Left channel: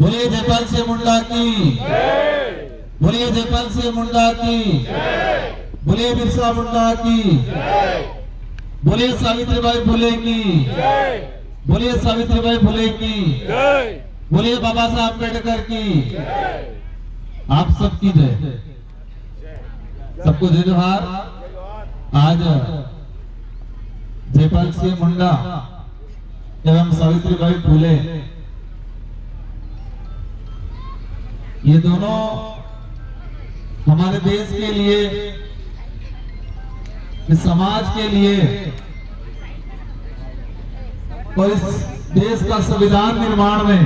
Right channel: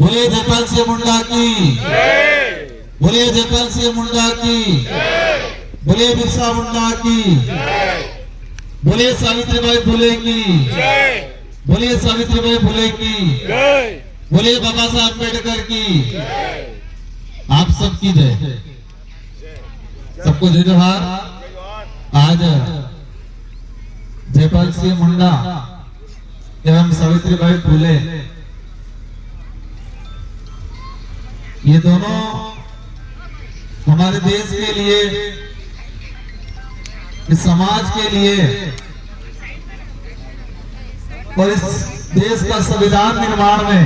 बोले जयपाल सिंह मुंडा की, बोले जयपाल सिंह मुंडा की, बोले बिरसा मुंडा की, बोले सावित्रीबाई फुले की, बोले सावित्रीबाई फुले की, बोले बाबा साहब अम्बेडकर की। आप सबकी जय। सबको जय जोहार। आज जयपाल सिंह मुंडा एवं सावित्रीबाई फुले ये दोनों हमारे देश के लिए, इस समाज के लिए और इस देश का संविधान निर्माण में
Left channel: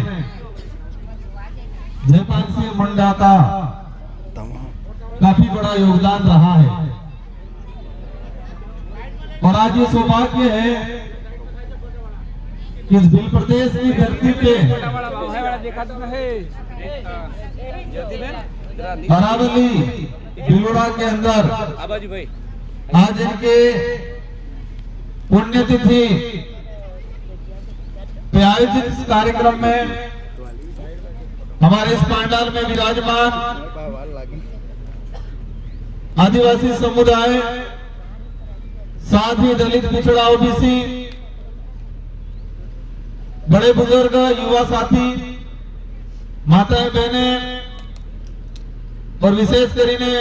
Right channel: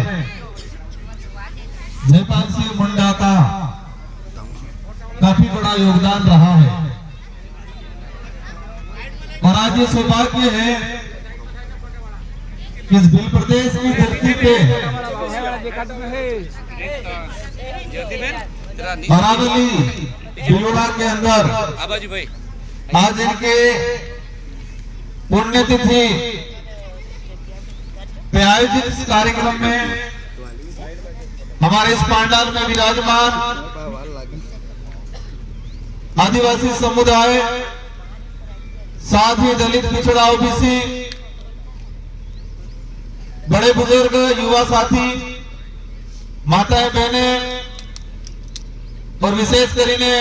जयपाल सिंह मुंडा का काफी बड़ा योगदान रहा है। और आज ये सौभाग्य है कि इस भील प्रदेश की धरती पे अरावली भिलोड़ा के अंदर आज इनके पुण्यतिथि पे आयोजित इस कार्यक्रम में हमारे इस पांडाल में विराजमान आदिवासी समुदाय, साथ ही दलित पिछड़ा ओबीसी, बड़े बुजुर्ग, युवा साथी, माताएं बहनें और विशेष करीने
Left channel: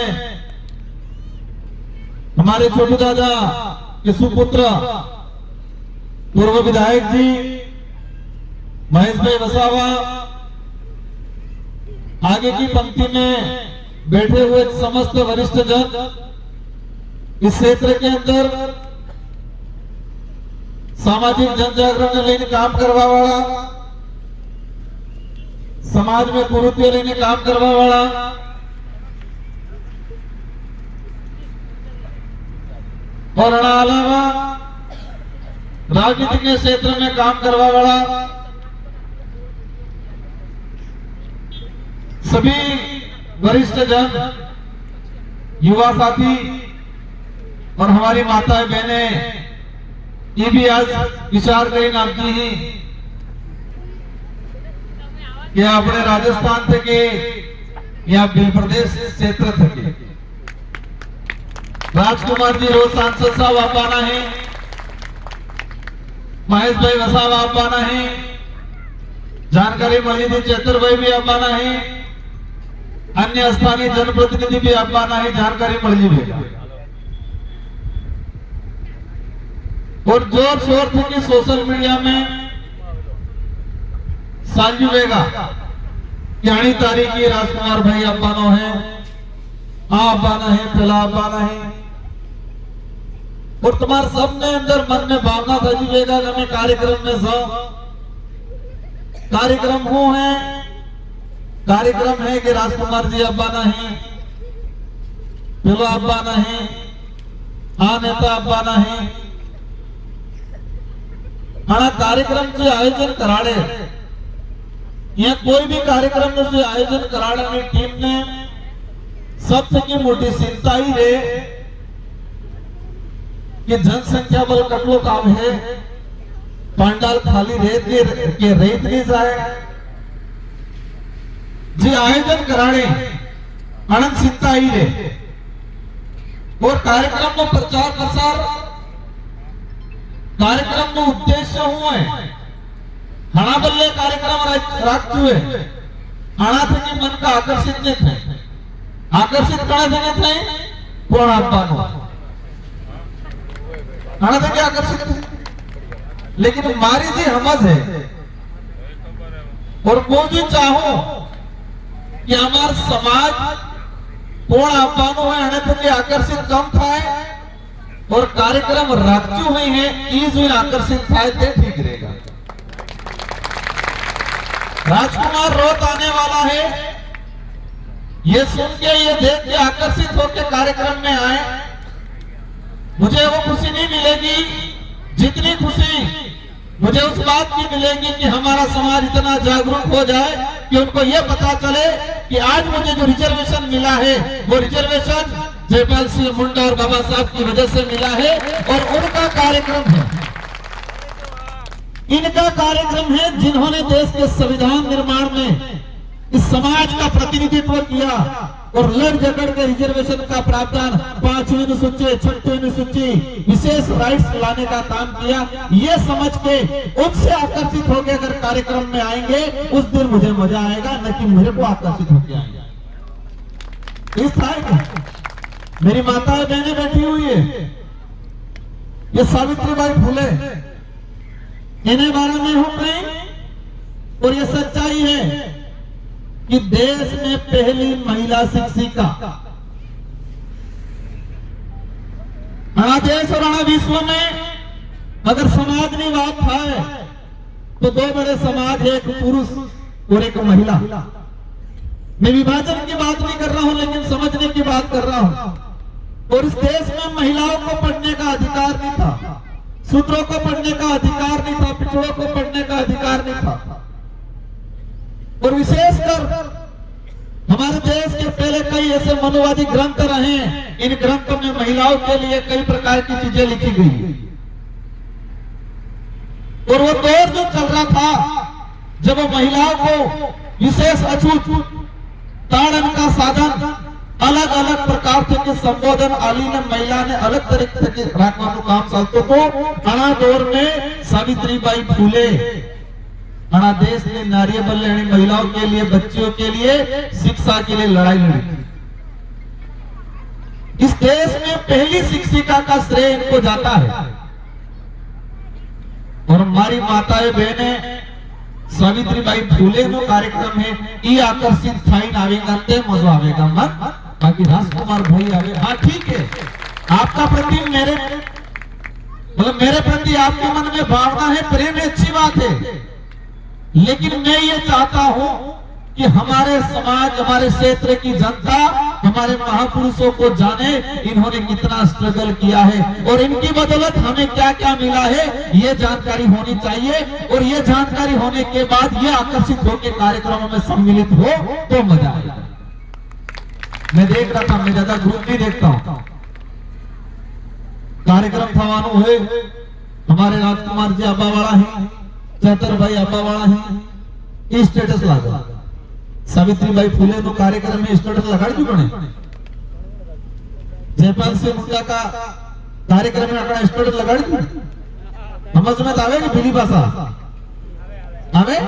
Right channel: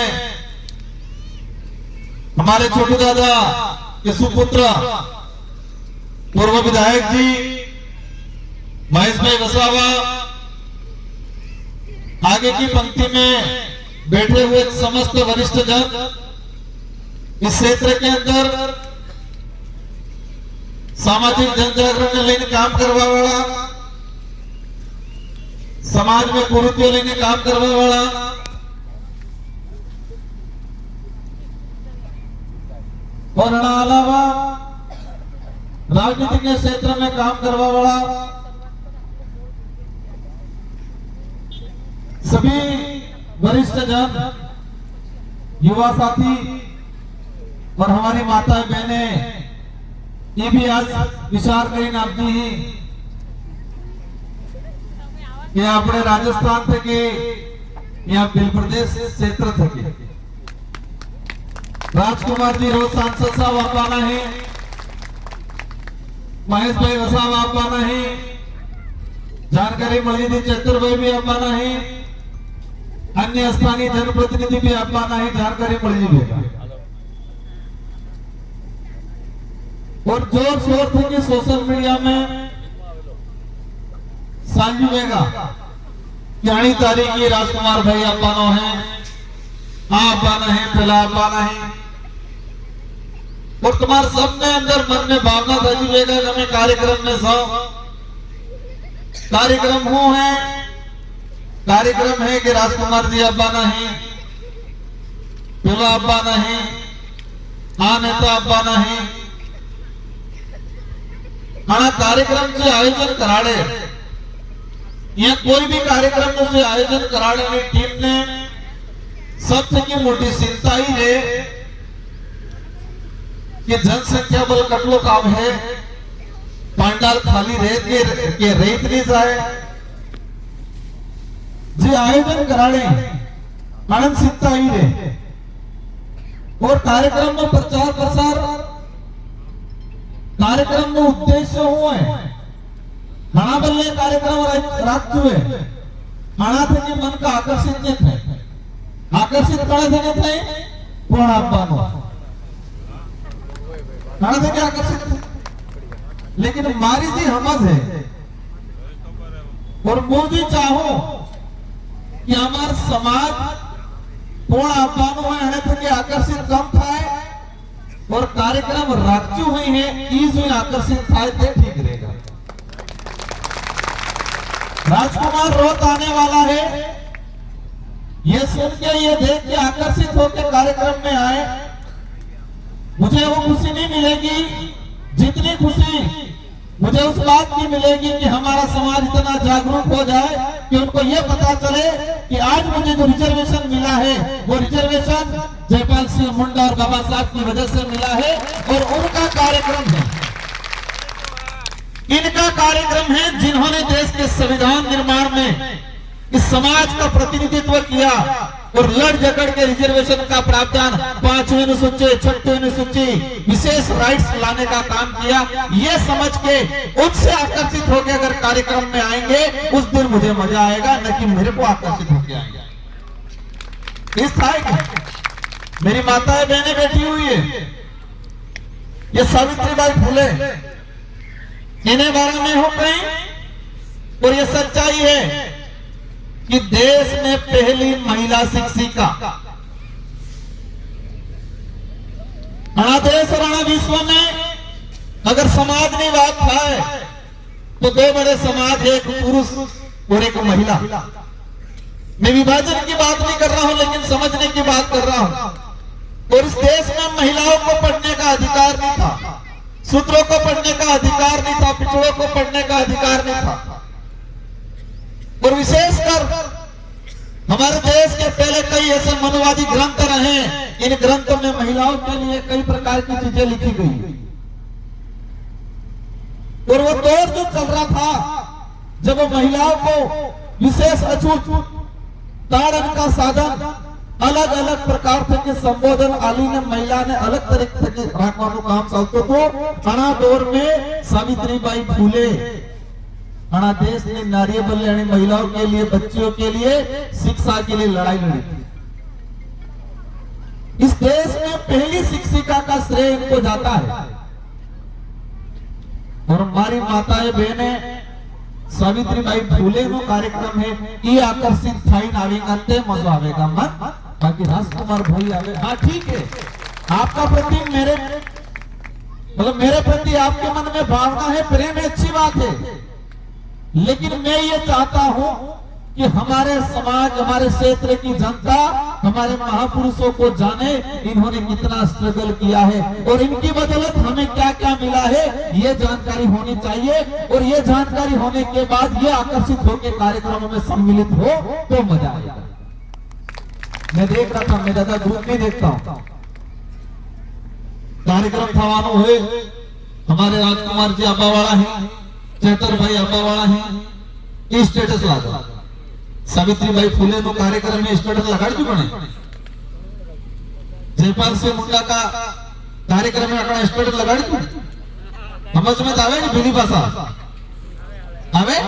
हमारे छोटू दादा के सुपुत्र पूर्व विधायक जी महेश भाई वसावा, आगे की पंक्ति में बैठे हुए समस्त वरिष्ठ जन, इस क्षेत्र के अंदर सामाजिक जन जागरण लेने काम करवा वाला, समाज में कुरीतियों लेने काम करवा वाला, और अलावा राजनीति के क्षेत्र में काम करवा वाला सभी वरिष्ठ जन, युवा साथी और हमारी माताएं बहनें, ये भी आज विचार करें आपकी ही कि अपने राजस्थान थे या भील प्रदेश क्षेत्र थे। राजकुमार जी रोज सांसद साहब आप आना है, महेश भाई वसावा आप आना है, जानकारी मली थी चतर भाई भी आप आना है, अन्य स्थानीय जनप्रतिनिधि भी आप आना है, जानकारी मली देगा। और जोर शोर थे कि सोशल मीडिया में सालजुएगा यानी तारीख की राजकुमार भाई आप आना है, आप आना है, पहला आप आना है, और तुम्हारे सबने अंदर मन में भावना था जुएगा कि हमें कार्यक्रम में सो कार्यक्रम हो है, कार्यक्रम है कि राजकुमार जी अब्बा नहीं, पहला अब्बा नहीं, नेता अब्बा नहीं, आना कार्यक्रम से आयोजन कराड़े या कोई भी कार्यक्रम से आयोजन कराड़े टीम ने सबसे मोटी चिंता ही रहे कि जनसंख्या बल कटलो काम है, पांडाल खाली रेत नहीं जाए, जी आयोजन कराड़े आनंद चिंता ही रहे। और कार्यक्रम में प्रचार प्रसार, कार्यक्रम में उद्देश्य हुए हणा बल्ले कार्यक्रम राखते हुए हणा थे कि मन का आकर्षित नहीं थे, आकर्षित कड़ा थे नहीं थे कोण आपવાનો हणा थे कि आकर्षित थे, लेकिन मारी जी समझ है और वो भी चाहूं कि हमारा समाज कोण आपવાનો है हणे थे कि आकर्षित कम थाय और कार्यक्रम राखती हुई है इस हुई आकर्षित थाय ते ठीक रहेगा। राजकुमार रोज आने वाला है, ये सुन के, ये देख के आकर्षित होकर कार्यक्रम में आए, मुझे वो खुशी नहीं मिलेगी जितनी खुशी मुझे उस बात की मिलेगी कि हमारा समाज इतना जागरूक हो जाए कि उनको ये पता चले कि आज मुझे जो रिजर्वेशन मिला है वो रिजर्वेशन जयपाल सिंह मुंडा और बाबा साहब की वजह से मिला है और उनका कार्यक्रम है इनका कार्यक्रम है जिन्होंने देश के संविधान निर्माण में इस समाज का प्रतिनिधित्व किया और लड़ झगड़ के रिजर्वेशन का प्रावधान 5वीं अनुसूची 6वीं अनुसूची विशेष राइट्स लाने का काम किया। ये समझ के उनसे आकर्षित होकर अगर कार्यक्रम में आएंगे उस दिन मुझे मजा आएगा, न कि मेरे को आकर्षित होकर आएंगे। इस था मेरी माताएं बहनें बैठी हुई है, ये सावित्रीबाई फुले इन्हें बारे में हो कहीं, और ये सच्चाई है कि देश में पहली महिला शिक्षिका देश और विश्व में अगर समाजवाद था तो दो बड़े समाज है, एक पुरुष और एक महिला। मैं विभाजन की बात नहीं कर रहा हूं, लेकिन समझने की बात कर रहा हूं। और इस देश में महिलाओं को पढ़ने का अधिकार नहीं था, शूद्रों को पढ़ने का अधिकार नहीं था, पिछड़ों को पढ़ने का अधिकार नहीं था। और विशेषकर हमारे देश के पहले कई ऐसे मनुवादी ग्रंथ रहे, इन ग्रंथों में महिलाओं के लिए कई प्रकार की चीजें लिखी गई। और वो दौर जो चल रहा था जब वो महिलाओं को विशेष अछूत ताड़न का साधन अलग अलग प्रकार के संबोधन आली ने महिला ने अलग तरीके के राखવાનું काम ચાલતું હતું। આના દોર में सावित्रीबाई फुले देश ने नारी बल यानी महिलाओं के लिए, बच्चियों के लिए, शिक्षा के लिए लड़ाई लड़ी। इस देश में पहली शिक्षिका का श्रेय इनको जाता है। और हमारी माताएं बहनें सावित्रीबाई फुले नो कार्यक्रम है, ये आकर्षित थाई आवेगा ते मजा आवेगा मन, बाकी राजकुमार भाई आवे। हाँ ठीक है, आपका प्रति मेरे प्रति आपके मन में भावना है, प्रेम है, अच्छी बात है। लेकिन मैं ये चाहता हूं कि हमारे समाज, हमारे क्षेत्र की जनता हमारे महापुरुषों को जाने, इन्होंने कितना स्ट्रगल किया है और इनकी बदौलत हमें क्या क्या मिला है, ये जानकारी होनी चाहिए। और ये जानकारी होने के बाद ये आकर्षित होकर कार्यक्रमों में सम्मिलित हो तो मजा आएगा। मैं देख रहा था, मैं ज्यादा ग्रुप नहीं देखता हूं, कार्यक्रम थवानो हुए, हमारे राजकुमार जी अब्बावाड़ा है, चैतर भाई अब्बावाड़ा है, स्टेटस लगा सावित्रीबाई फुले नो कार्यक्रम में स्टेटस लगाड़ी बने। जयपाल सिंह मुंडा का कार्यक्रम में अपना स्टेटस लगाड़ी समझ में आवे कि भीली भाषा आवे,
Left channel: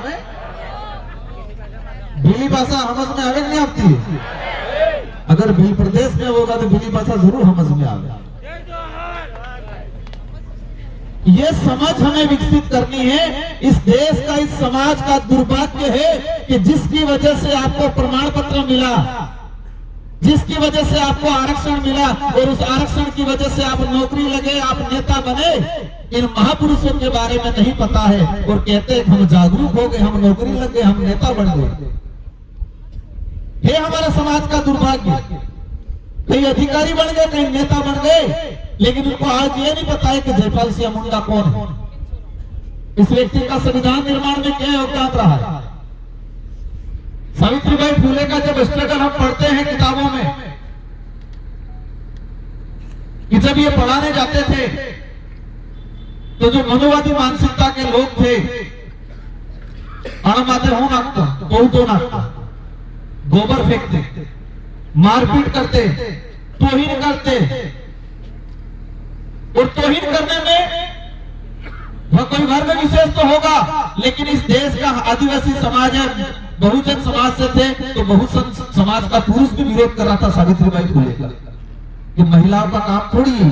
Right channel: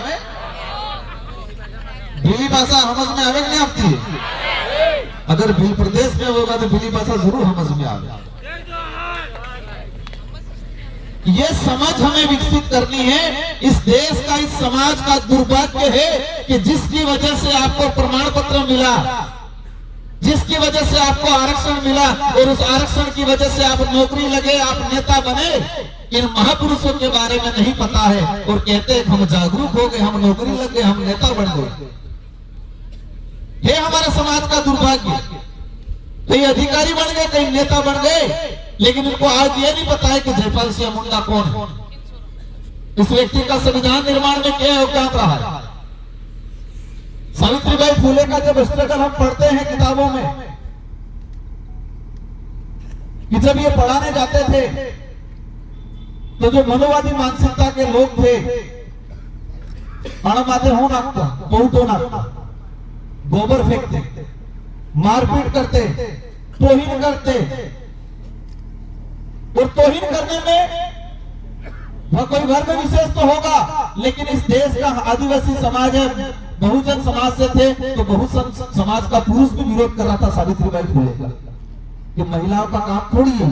भीली भाषा समझ में आवे कि नहीं आती है? अगर भील प्रदेश में होगा तो भीली भाषा जरूर समझ में आवे। ये समझ हमें विकसित करनी है। इस देश का, इस समाज का दुर्भाग्य है कि जिसकी वजह से आपको प्रमाण पत्र मिला, जिसकी वजह से आपको आरक्षण मिला और उस आरक्षण की वजह से आप नौकरी लगे, आप नेता बने, इन महापुरुषों के बारे में नहीं पता है और कहते हैं हम जागरूक हो गए, हम नौकरी लग गए, हम नेता बन गए। ये हमारे समाज का दुर्भाग्य। कई अधिकारी बन गए, कई नेता बन गए, लेकिन इनको आज ये नहीं पता है कि जयपाल सिंह मुंडा कौन है, इस व्यक्ति का संविधान निर्माण में क्या योगदान रहा है। सावित्रीबाई फुले का जब स्ट्रगल हम पढ़ते हैं किताबों में, कि जब ये पढ़ाने जाते थे तो जो मनुवादी मानसिकता के लोग थे, अणमाते हो नाकता, तो नाकता, गोबर फेंकते, मारपीट करते, तोहीन करते। और तोहीन करने में कोई घर में विशेष तो होगा, लेकिन इस देश का आदिवासी समाज है, बहुजन समाज से थे, तो बहुजन समाज का पुरुष भी विरोध कर रहा था सावित्रीबाई फुले का, कि महिलाओं का काम थोड़ी है।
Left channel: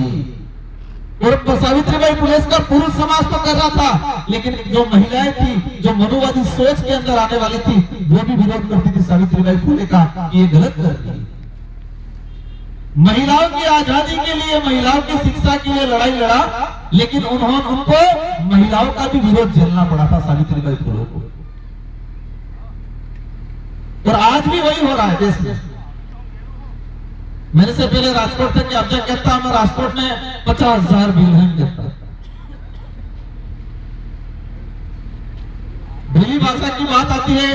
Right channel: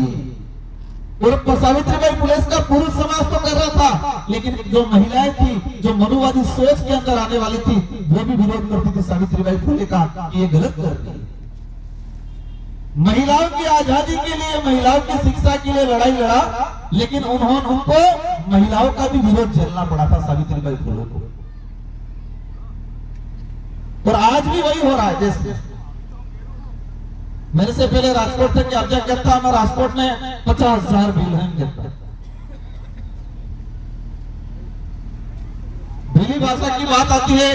और सावित्रीबाई फुले का पुरुष समाज तो कर रहा था, लेकिन जो महिलाएं थी, जो मनुवादी सोच के अंदर आने वाली थी, वो भी विरोध करती थी सावित्रीबाई फुले का, ये गलत कर रही है। महिलाओं की आजादी के लिए, महिलाओं की शिक्षा के लिए लड़ाई लड़ा, लेकिन उन्होंने उनको महिलाओं का भी विरोध झेलना पड़ा था सावित्रीबाई फुले को। और आज भी वही हो रहा है देश में। मेरे से पहले राजकोट थे कि अब क्या कहता है, राजकोट में 50,000 बिल कहता है। भीली भाषा की बात आती है,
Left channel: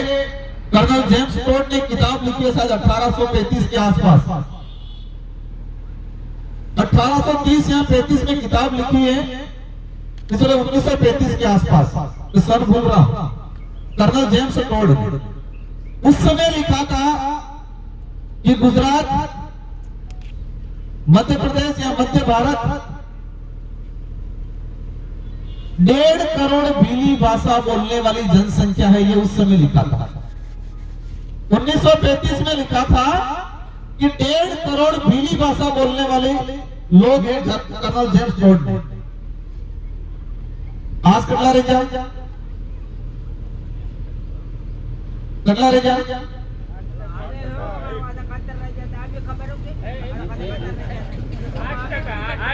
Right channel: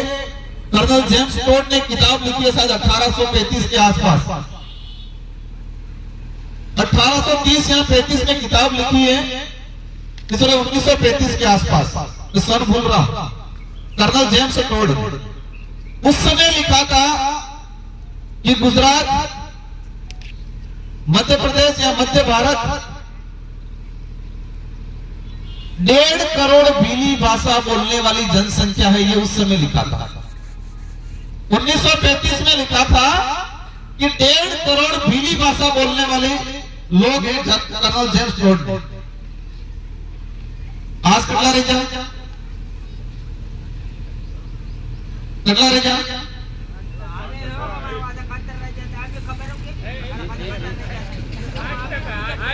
कर्नल जेम्स टोड ने किताब लिखी है शायद 1835 के आसपास, 1830 या 35 में किताब लिखी है, इसलिए 1935 के आसपास। सन भूल रहा, कर्नल जेम्स टोड उस समय लिखा था कि गुजरात, मध्य प्रदेश या मध्य भारत 1.5 करोड़ भीली भाषा बोलने वाली जनसंख्या है, ये उस समय लिखा था। 1935 में लिखा था कि 1.5 करोड़ भीली भाषा बोलने वाले लोग हैं कर्नल जेम्स टोड ने। आज कटला रह जा, कटला रह जा।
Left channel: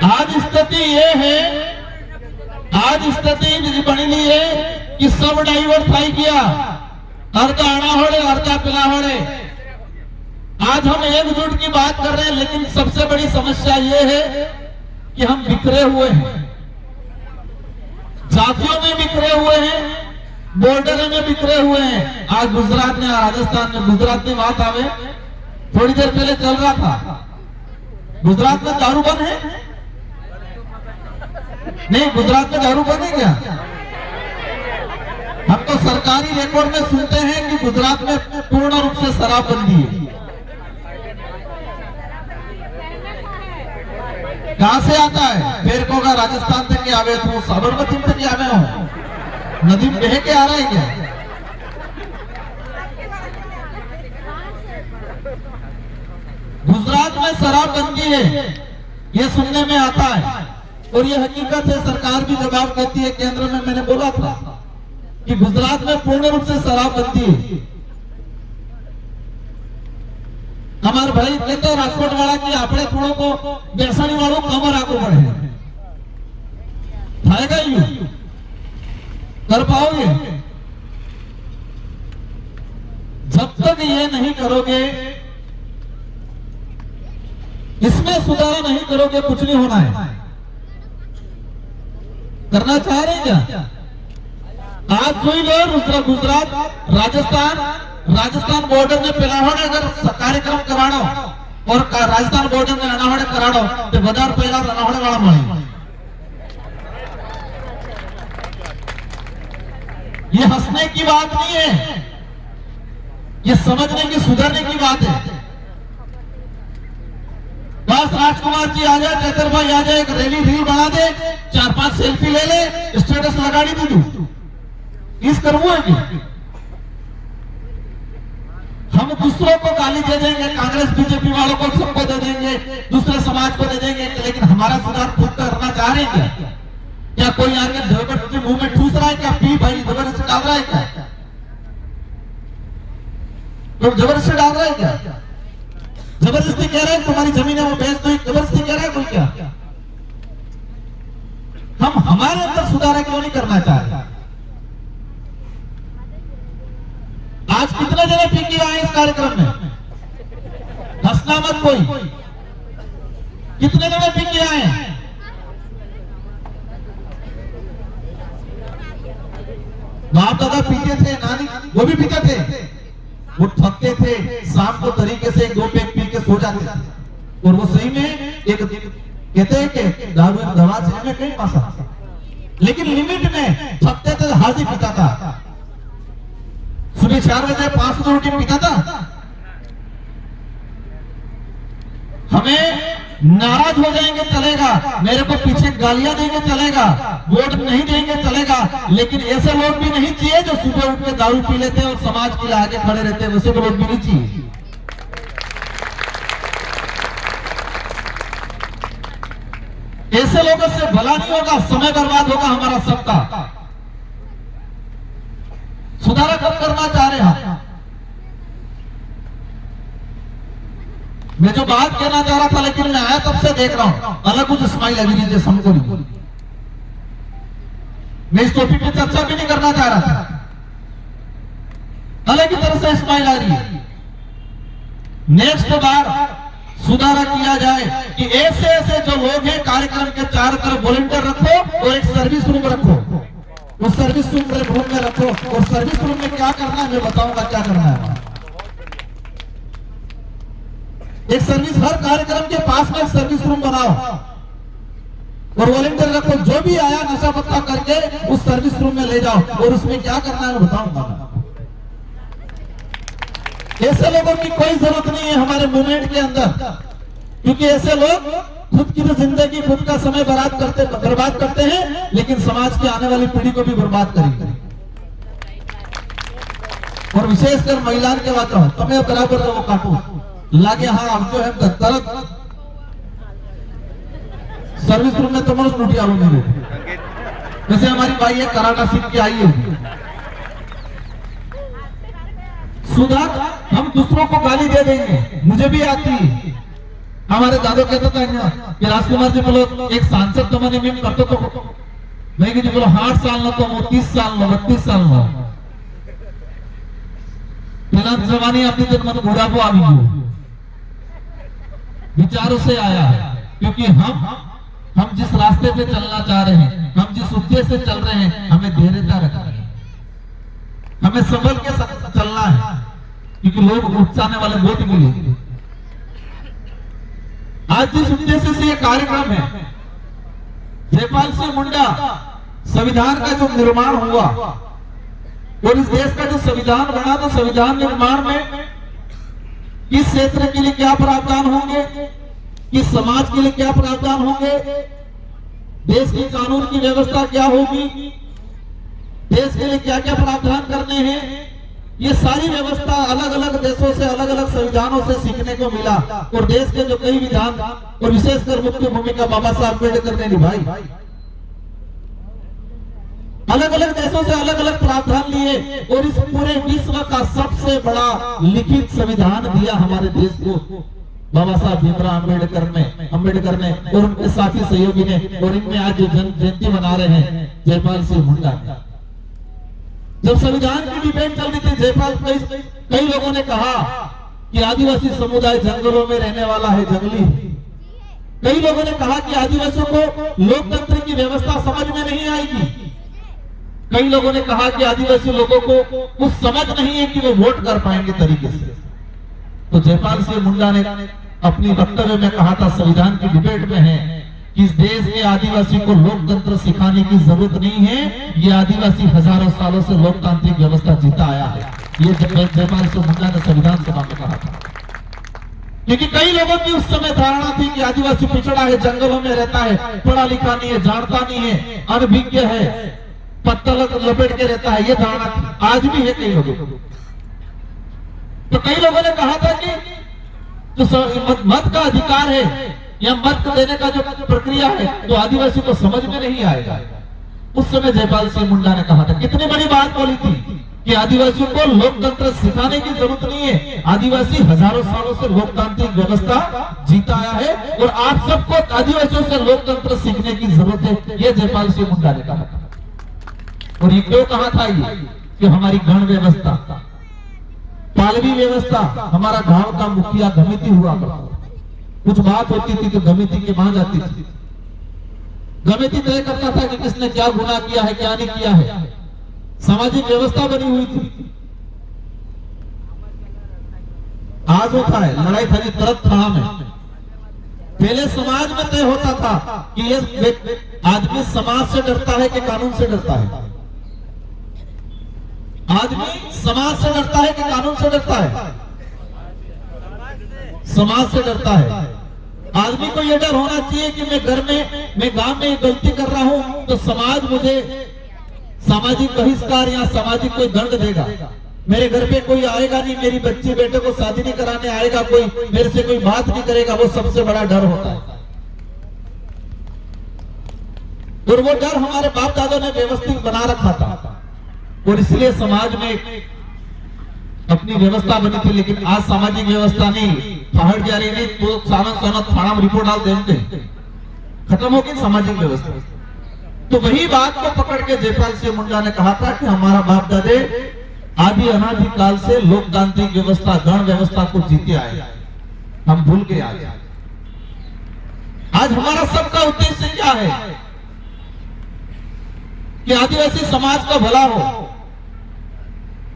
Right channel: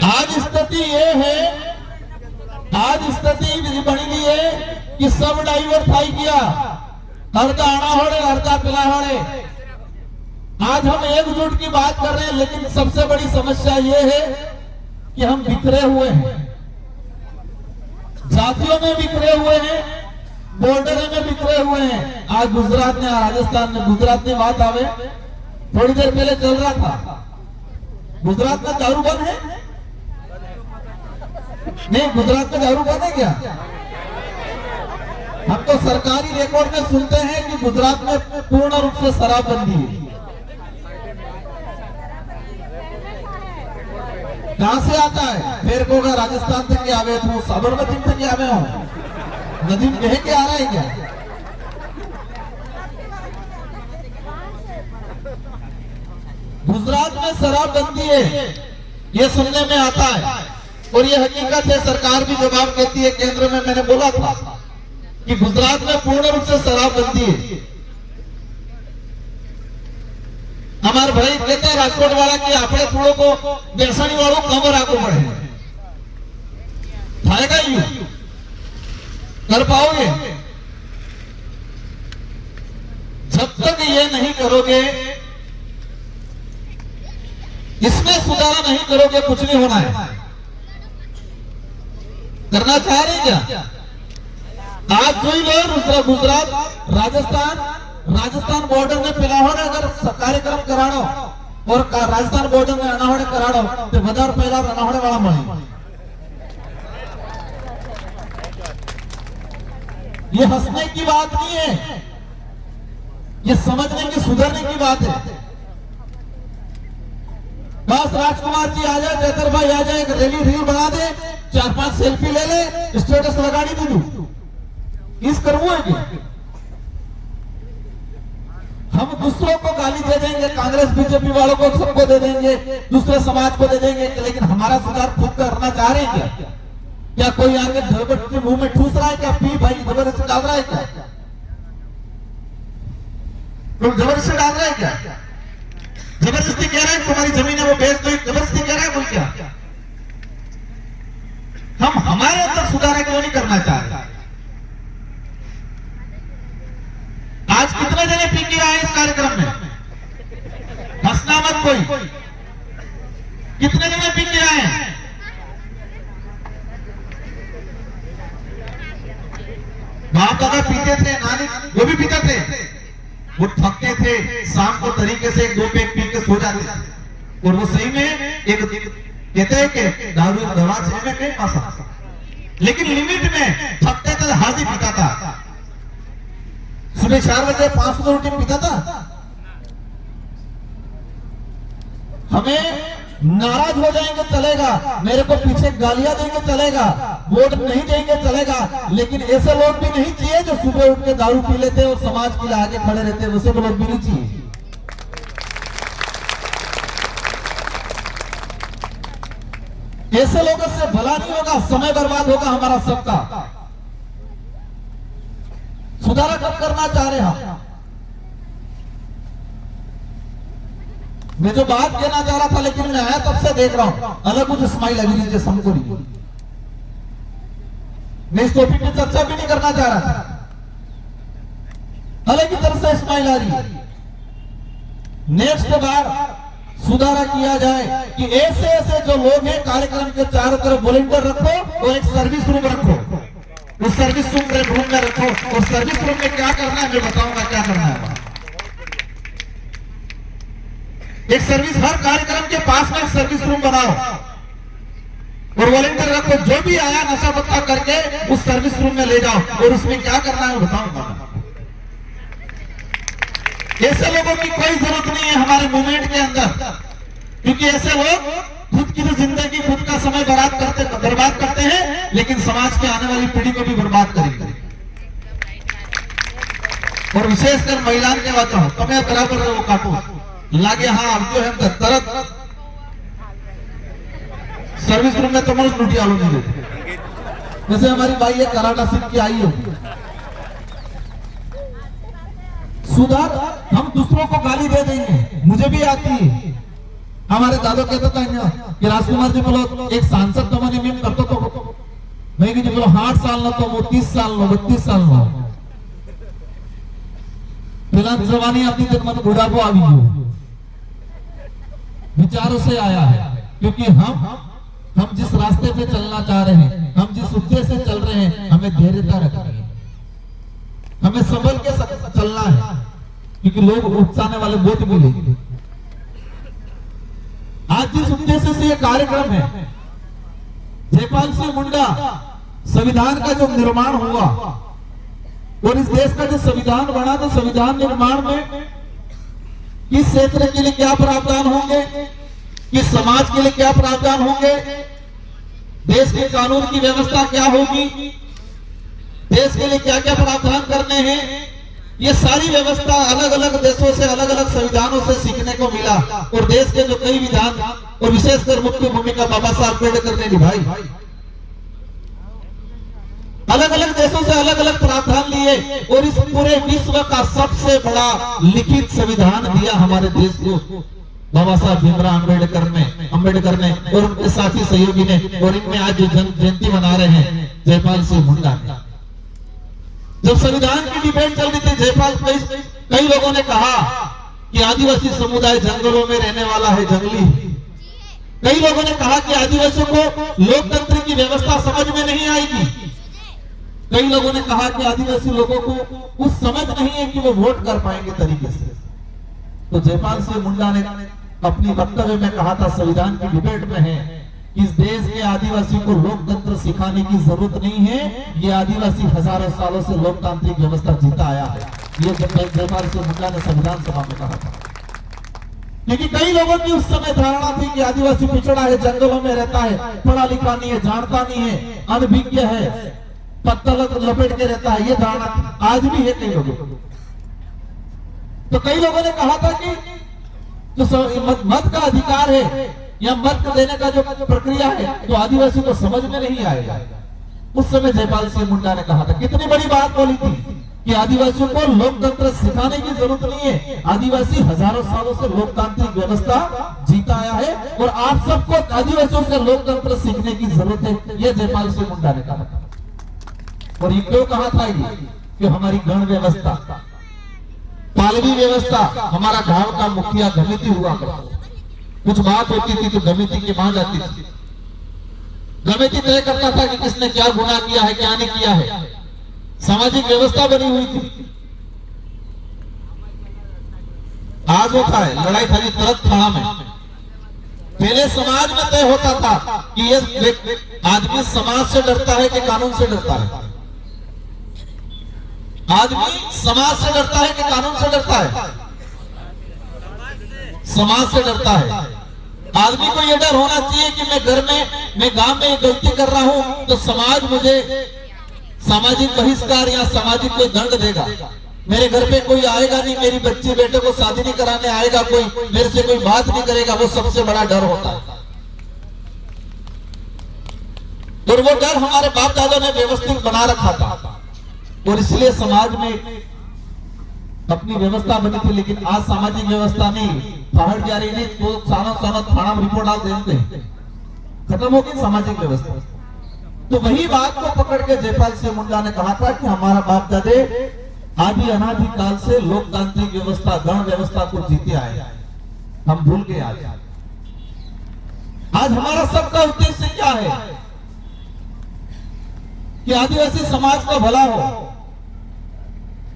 आज स्थिति ये है, आज स्थिति बनी ली है कि सब डाइवर्ट थाई गया, अर्धा आना होड़े अर्धा पिला होड़े। आज हम एकजुट की बात कर रहे हैं, लेकिन सबसे बड़ी समस्या ये है कि हम बिखरे हुए हैं, जातियों में बिखरे हुए हैं, बॉर्डर में बिखरे हुए हैं। आज गुजरात में, राजस्थान में, गुजरात में बात आवे, थोड़ी देर पहले चल रहा था, गुजरात में दारू बंद है? नहीं, गुजरात में दारू बंद है क्या? हम तो सरकारी रिकॉर्ड में सुनते हैं कि गुजरात में पूर्ण रूप से शराबबंदी है। कहां से आता है? फिर कोगा राजस्थान तक आवे तो साबरमती तक आवे हो, नदी में बह के आ रहा है क्या? गुजरात में शराबबंदी है, ये सुनने में आता है, और ये हकीकत है। सरकार भी जवाब देती है। केंद्र में मैंने बोला था कि गुजरात में पूर्ण रूप से शराबबंदी है। हमारे भाई कहते हैं राजकोट वाला कि आपने थोड़ो को बेसणी वालों कमर आगो बढ़े थाएगा, यू कर पाओगे? जब तक ये नहीं करोगे, इसमें सुधार नहीं करोगे, कुछ नहीं होना है। करना चाह रहे क्या? आज जो लोग गुजरात, राजस्थान बॉर्डर में पिलावण अगर कार्यक्रम कराणो और राजस्थान बॉर्डर में अनावरण कराणो तो बजार पहला अनावरण वाला मळे। ये हंसने की बात नहीं है, ये समझने की, सुधरने की बात है। बस राजकुमार जी आ जाए, चतर भाई आ जाए, एक रैली रील बना दे, 4-5 सेल्फी ले ले, स्टेटस लगा दी तू, इस करवो है क्या? हम दूसरों को गाली दे देंगे, कांग्रेस बीजेपी वालों को सबको दे देंगे, दूसरे समाज को दे देंगे, लेकिन हमारा सुधार खुद करना चाह रहे हैं क्या? क्या कोई आगे ड्राइवर के मुंह में ठूस रहा है क्या? पी भाई जबरदस्ती डाल रहा है क्या? कोई जबरदस्ती डाल रहा है क्या? जबरदस्ती कह रहा है तुम्हारी जमीन है वो बेच दो, जबरदस्ती कह रहा है कोई क्या? हम हमारे अंदर सुधार क्यों नहीं करना चाह रहे? आज कितने जने पी के आए इस कार्यक्रम में? हंसना मत कोई। कितने जने पी के आए? बाप दादा पीते थे, नानी वो भी पीते थे, वो थकते थे, शाम को तरीके से 2 पैक पी के सो जाते थे, और वो सही में एक कहते हैं कि दारू दवा से में कहीं पासा, लेकिन लिमिट में थकते थे, हाजी पीता था, सुबह 4 बजे 500 रोटी पीता था। हमें नाराज हो जाएंगे चलेगा, मेरे को पीछे गालियां देंगे चलेगा, वोट नहीं देंगे चलेगा, लेकिन ऐसे लोग भी नहीं चाहिए जो सुबह उठ के दारू पी लेते और समाज के लिए आगे खड़े रहते, वैसे भी लोग भी नहीं चाहिए। ऐसे लोगों से भला नहीं होगा, समय बर्बाद होगा हमारा सबका। सुधारा कब करना चाह रहे हैं? मैं जो बात कहना चाह रहा था, लेकिन मैं आया तब से देख रहा हूं अलग कुछ स्माइल अभी नहीं हमको नहीं। मैं इस टॉपिक पे चर्चा भी नहीं करना चाह रहा था, अलग ही तरह से स्माइल आ रही है। नेक्स्ट बार सुधार किया जाए कि ऐसे ऐसे जो लोग हैं कार्यक्रम के चारों तरफ वॉलंटियर रखो और एक सर्विस रूम रखो, उस सर्विस रूम में रखो, और सर्विस रूम में क्या करना है मैं बताऊंगा क्या करना है। एक सर्विस, हर कार्यक्रम के पास में एक सर्विस रूम बनाओ, और वॉलंटियर रखो, जो भी आया नशा पत्ता करके उस सर्विस रूम में ले जाओ और उसमें क्या करना है बताऊंगा। ऐसे लोगों की कोई जरूरत नहीं है हमारे मूवमेंट के अंदर, क्योंकि ऐसे लोग खुद की तो जिंदगी, खुद का समय बर्बाद करते हैं, लेकिन समाज की आने वाली पीढ़ी को भी बर्बाद करेंगे। और विशेषकर महिलाओं के बात तुम्हें बराबर वो काटो लागे, हाँ अब जो है तरत सर्विस रूम में तुम्हारे लूटी आलू नहीं देते। जैसे हमारी भाई है कराटा सीख के आई है, सुधार हम दूसरों को गाली दे देंगे, मुझे भी आती है। हमारे दादा कहते थे कि राजकुमार जी बोलो एक सांसद तो मैंने मीन करते तो नहीं जी बोलो 8 साल न तो 30 साल न 32 साल न फिलहाल जवानी आती तो मैंने बुढ़ापो आ गई विचारों से आया है, क्योंकि हम जिस रास्ते पे चलना चाह रहे हैं, हम जिस उद्देश्य से चल रहे हैं, हमें धैर्यता रखनी है, हमें संभल के चलना है, क्योंकि लोग उकसाने वाले वोट मिलेंगे। आज जिस उद्देश्य से ये कार्यक्रम है, जयपाल सिंह मुंडा संविधान का जो निर्माण हुआ और इस देश का जो संविधान बना, तो संविधान निर्माण में किस क्षेत्र के लिए क्या प्रावधान होंगे, किस समाज के लिए क्या प्रावधान होंगे, देश के कानून की व्यवस्था क्या होगी, देश के लिए क्या क्या प्रावधान करने हैं, ये सारी व्यवस्था अलग अलग देशों से, अलग अलग संविधानों से सीखने को मिला। और देश के जो कई विधान और विशेषकर मुख्य भूमिका बाबा साहब अम्बेडकर ने निभाई, अलग अलग देशों से अलग अलग प्रावधान लिए और इस पूरे विश्व का सबसे बड़ा लिखित संविधान दिया हमारे देश को बाबा साहब भीमराव अम्बेडकर ने और उनके साथी सहयोगी ने। और इनमें आज जो जयंती मना रहे हैं जयपाल सिंह मुंडा। जब संविधान की डिबेट चल रही थी, जयपाल कई लोगों ने कहा कि आदिवासी समुदाय जंगलों में रहने वाला है, जंगली। कई लोगों ने कहा कि आदिवासियों को लोकतंत्र की व्यवस्था समझ में नहीं आएगी। कई लोगों ने कहा कि आदिवासी लोगों को कुछ समझ नहीं है कि वो वोट कर पाएंगे तरीके से। तो जयपाल सिंह मुंडा ने अपनी वक्तव्य में कहा था, संविधान की डिबेट में है कि इस देश के आदिवासी को लोकतंत्र सिखाने की जरूरत नहीं है, ये आदिवासी हजारों सालों से लोकतांत्रिक व्यवस्था जीता आया है। ये जयपाल सिंह मुंडा ने संविधान सभा में कहा था। क्योंकि कई लोगों की उस समय धारणा थी कि आदिवासी पिछड़ा है, जंगलों में रहता है, पढ़ा लिखा नहीं है, जानता नहीं है, अनभिज्ञ है, पत्तल लपेट के रहता है, ये धारणा थी। आज भी है कई लोगों को। तो कई लोगों ने कहा था कि तो मत का अधिकार है या मत देने का जो प्रक्रिया है तो आदिवासी को समझ में नहीं आएगा। उस समय जयपाल सिंह मुंडा ने कहा था, कितनी बड़ी बात बोली थी कि आदिवासियों को लोकतंत्र सिखाने की जरूरत नहीं है, आदिवासी हजारों सालों से लोकतांत्रिक व्यवस्था जीता आया है और आप सबको आदिवासियों से लोकतंत्र सीखने की जरूरत है, ये जयपाल सिंह मुंडा ने कहा था। और ये क्यों कहा था? ये कि हमारी गण व्यवस्था, पालवी व्यवस्था, हमारा गांव का मुखिया गमिति हुआ करता, कुछ बात होती थी तो गमिति के वहां जाती थी, गमिति तय करता था कि किसने क्या गुनाह किया है, क्या नहीं किया है। सामाजिक व्यवस्था बनी हुई थी। आज होता है लड़ाई खाली तरफ था में। पहले समाज में तय होता था कि ये आदमी समाज से डरता है कि कानून से डरता है। आदमी समाज से डरता है कि कानून से डरता है? समाज से डरता है। आदमी को यह डर होना चाहिए कि मैं घर में, मैं गांव में गलती कर रहा हूं तो समाज मुझे सामाजिक बहिष्कार या सामाजिक कोई दंड देगा। मेरे घर पे कोई आएगा नहीं, मेरी बच्ची बेटे को शादी नहीं कराने आएगा कोई, मेरे से कोई बात नहीं करेगा, वो सबसे बड़ा डर होता है। और वो डर हमारे बाप दादा ने व्यवस्थित बना रखा था और इसलिए समाज में अपनी व्यवस्था बनी थी। लेकिन आज सामाजिक व्यवस्था नहीं, पहाड़ जा रही नहीं तो सानत थाना रिपोर्ट डाल देते, खत्म हो गई सामाजिक व्यवस्था। तो वही बात को पकड़ के जयपाल सिंह मुंडा ने कहा था कि हमारा बाप दादे आदि अनादि काल से लोकतांत्रिक व्यवस्था, गण व्यवस्था को जीते आए, हम भूल गए। आज हमारा सबका उद्देश्य क्या है कि आदिवासी समाज का भला हो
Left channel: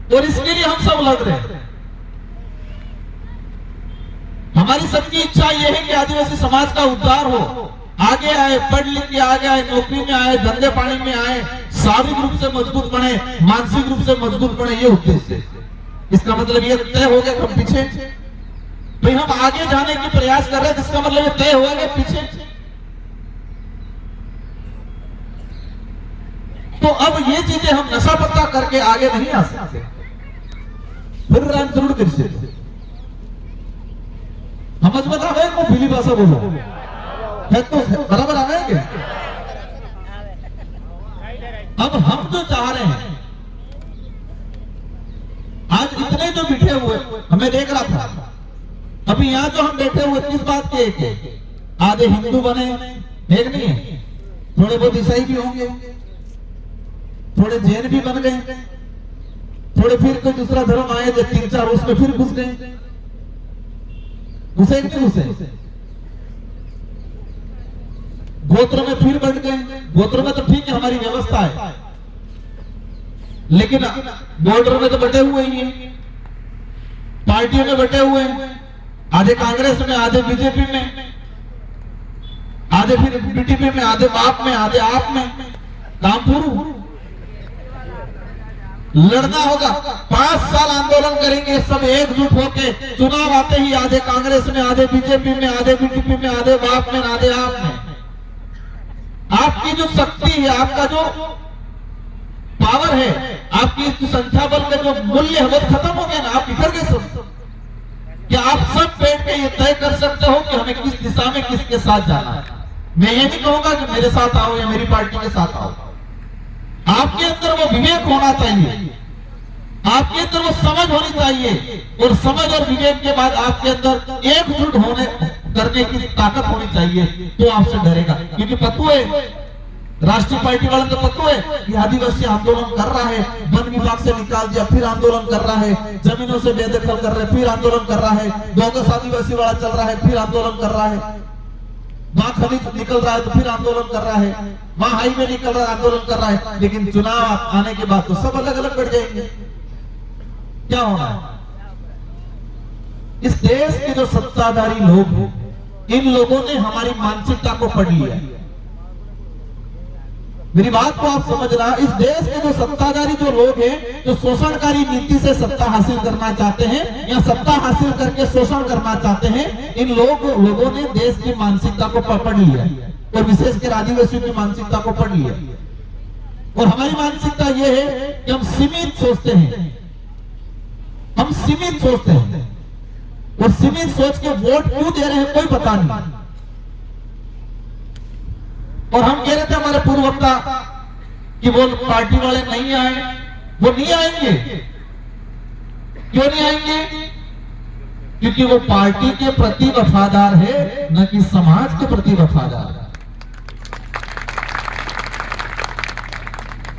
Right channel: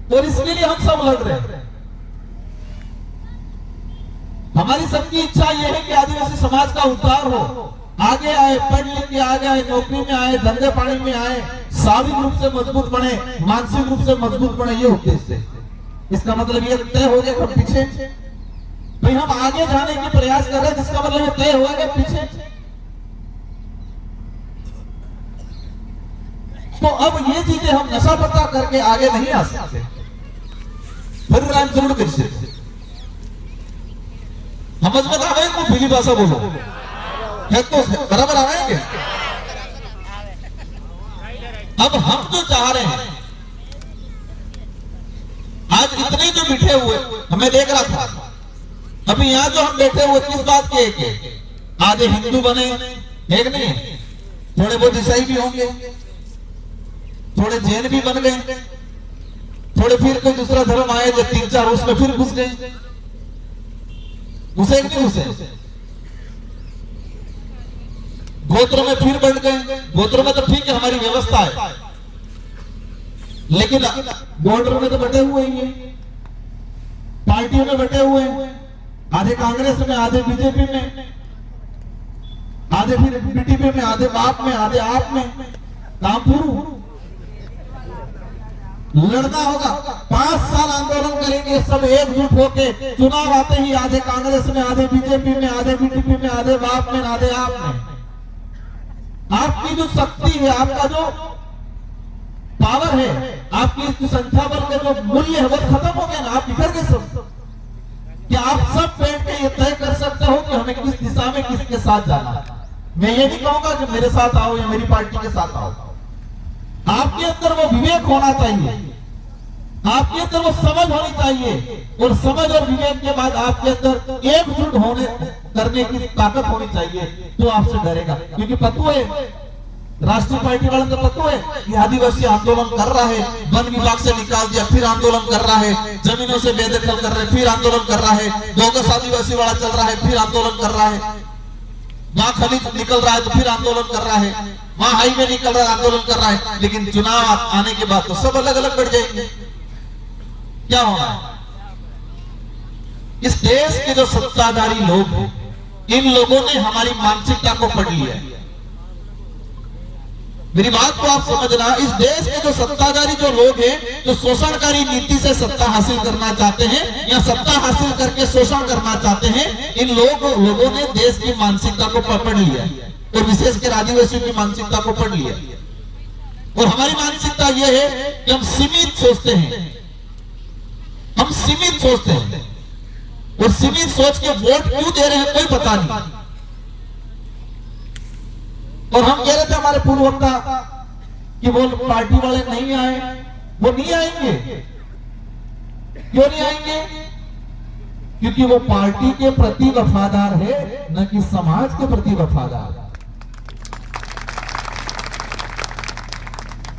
और इसके लिए हम सब लड़ रहे हैं। हमारी सबकी इच्छा यह है कि आदिवासी समाज का उद्धार हो, आगे आए, पढ़ लिख के आगे आए, नौकरी में आए, धंधे पानी में आए, शारीरिक रूप से मजबूत बने, मानसिक रूप से मजबूत बने, ये उद्देश्य है। इसका मतलब ये तय हो गया हम पीछे, भाई हम आगे जाने की प्रयास कर रहे हैं, जिसका मतलब ये तय हुआ कि पीछे। तो अब ये चीजें हम नशा पत्ता करके आगे नहीं आ सकते। फिर राम जरूर कर समझ में आवे को भीली भाषा बोलो है तो बराबर आवेंगे। अब हम जो चाह रहे हैं, आज इतने जो बैठे हुए, हमें देख रहा था अभी यहाँ जो हम बैठे हुए किस बात के, आधे हिंदू बने, एक नहीं, थोड़े बहुत ईसाई भी होंगे, थोड़े जैन भी बन गए, थोड़े फिर कोई दूसरा धर्म आए जो 3-4 उसमें फिर घुस गए, घुसे नहीं घुसे, गोत्र में फिर बढ़ गए। गोत्र में तो ठीक है हमारी व्यवस्था है, लेकिन बॉर्डर में तो बटे हुए ही हैं, पार्टियों में बटे हुए हैं, आधे कांग्रेस में, आधे बीजेपी में, आधे फिर बीटीपी में, आधे बाप में, आधे आप में। काम पूरा लड़ना होगा, 5 साल आंदोलन करेंगे सब एकजुट होके। चुनाव आते ही आधे कांग्रेस में, आधे बीजेपी में, आधे बीटीपी में, आधे बाप में, आधे आप में। आपकी जो शक्ति है, आपका जो पावर है, आपकी संख्या बल का जो मूल्य है वो खत्म हो गया ना, आप बिखर गए सब। क्या आप सब बैठ के ये तय कर सकते हो कि हमें किस दिशा में किसके साथ जाना है? मैं ये नहीं कहूंगा कि मेरे साथ आओ या मेरी पार्टी के साथ आओ। आपके अंदर वो विवेक होना चाहिए, आपके अंदर वो समझ होनी चाहिए, और समझ और विवेक के बाद आपके अंदर एकजुट होने करने की ताकत होनी चाहिए, तो आपसे डरेगा। क्योंकि पता है राष्ट्रीय पार्टी वालों को पता है कि आदिवासी आंदोलन कर रहा है, वन विभाग से निकाल दिया, फिर आंदोलन कर रहा है, जमीनों से बेदखल कर रहे, फिर आंदोलन कर रहा है, दोगस आदिवासी वाला चल रहा है, फिर आंदोलन कर रहा है, वहां खनिज निकल रहा है तो फिर आंदोलन कर रहा है, वहां हाईवे निकल रहा है आंदोलन कर रहा है। लेकिन चुनाव आने के बाद तो सब अलग अलग बढ़ जाएंगे। क्या होगा? इस देश के जो सत्ताधारी लोग हैं, इन लोगों ने हमारी मानसिकता को पढ़ लिया। मेरी बात को आप समझना, इस देश के जो सत्ताधारी जो लोग हैं, जो शोषणकारी नीति से सत्ता हासिल करना चाहते हैं या सत्ता हासिल करके शोषण करना चाहते हैं, इन लोगों ने देश की मानसिकता को पकड़ लिया, और विशेषकर आदिवासियों की मानसिकता को पकड़ लिया। और हमारी मानसिकता यह है कि हम सीमित सोचते हैं, हम सीमित सोचते हैं, और सीमित सोच के वोट क्यों दे रहे हैं कोई पता नहीं। और हम कह रहे थे हमारे पूर्व वक्ता कि वो पार्टी वाले नहीं आए, वो नहीं आएंगे। क्यों नहीं आएंगे? क्योंकि वो पार्टी के प्रति वफादार है, न कि समाज के प्रति वफादार है।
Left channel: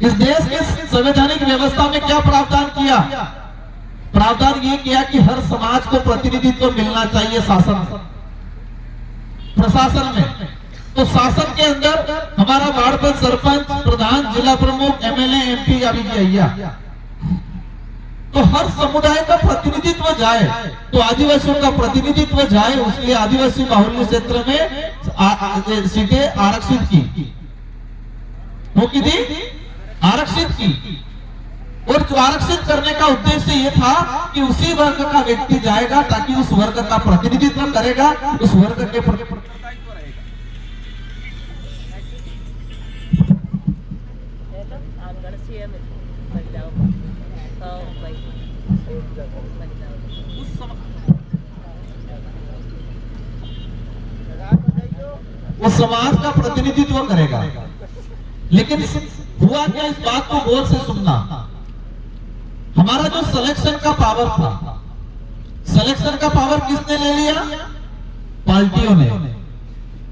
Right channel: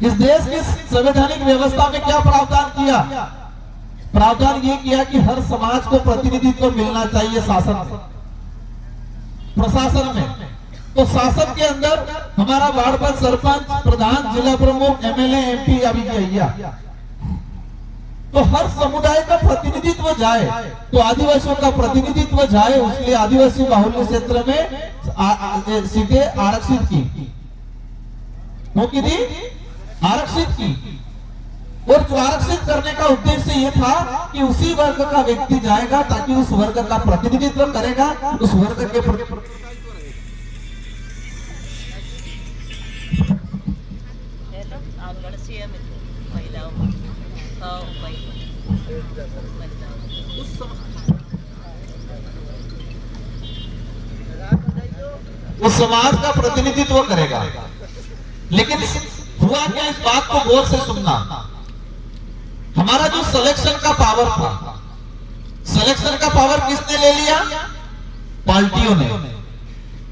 इस देश के संवैधानिक व्यवस्था में क्या प्रावधान किया? प्रावधान ये किया कि हर समाज को प्रतिनिधित्व मिलना चाहिए शासन प्रशासन में। तो शासन के अंदर हमारा वार्ड पर सरपंच, प्रधान, जिला प्रमुख, एमएलए, एमपी अभी किया, तो हर समुदाय का प्रतिनिधित्व जाए, तो आदिवासियों का प्रतिनिधित्व जाए, इसलिए आदिवासी बाहुल्य क्षेत्र में सीटें आरक्षित की, वो की थी आरक्षित की। और जो आरक्षित करने का उद्देश्य ये था कि उसी वर्ग का व्यक्ति जाएगा ताकि उस वर्ग का प्रतिनिधित्व करेगा, उस वर्ग के उस समाज का प्रतिनिधित्व करेगा। लेकिन हुआ क्या, इस बात को गौर से सुनना, हमारा जो सिलेक्शन का पावर था, सिलेक्शन का पावर किसने ले लिया? पार्टियों ने।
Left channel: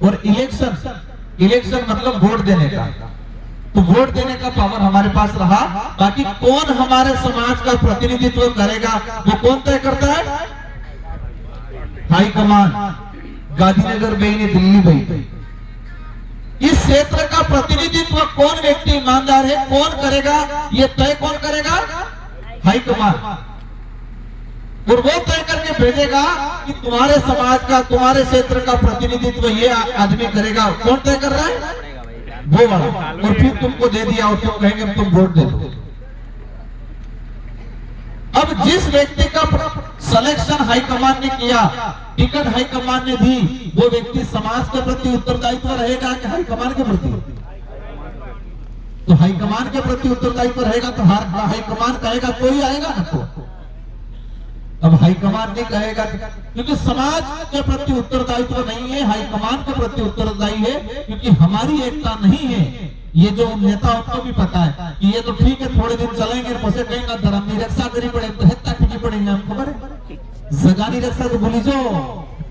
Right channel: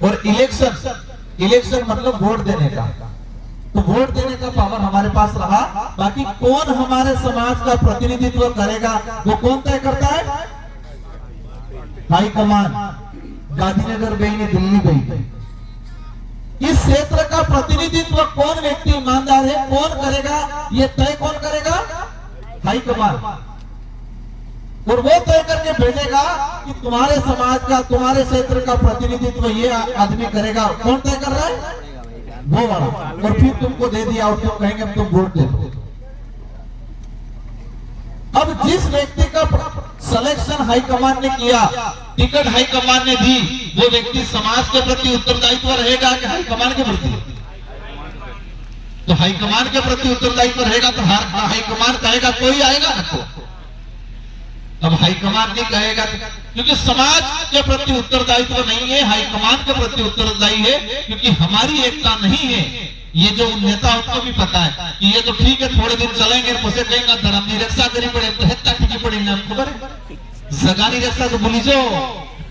और इलेक्शन मतलब वोट देने का, तो वोट देने का पावर हमारे पास रहा। बाकी कौन हमारे समाज का प्रतिनिधित्व करेगा वो कौन तय करता है? हाईकमान, गांधीनगर गई ने दिल्ली गई। इस क्षेत्र का प्रतिनिधित्व कौन व्यक्ति ईमानदार है, कौन करेगा, ये तय कौन करेगा? हाईकमान। और वो तय करके भेजेगा कि तुम्हारे समाज का, तुम्हारे क्षेत्र का प्रतिनिधित्व ये आदमी करेगा। कौन तय कर रहा है? वो वाला। और फिर तुमको दे दिया और तुम कहेंगे तुम वोट दे दो। अब जिस व्यक्ति का सिलेक्शन हाईकमान ने किया, टिकट हाईकमान ने दी, वो व्यक्ति समाज के प्रति उत्तरदायित्व रहेगा कि हाईकमान के प्रति? तो हाईकमान के प्रति उत्तरदायित्व रहेगा तो हाईकमान कहेगा कोई आएगा ना तो। अब हाईकमान नहीं कहेगा क्योंकि समाज के प्रति उत्तरदायित्व नहीं है, हाईकमान के प्रति उत्तरदायी है, क्योंकि हमारी एकता नहीं है। ये जो नेता उनको भी पता है कि ये तो ठीक है, थोड़े दिन चलेंगे, पसे कहेंगे धर्म की रक्षा करी पड़े तो हेत्ता ठीक पड़ेगा, जगानी रक्षा तो भूली जो,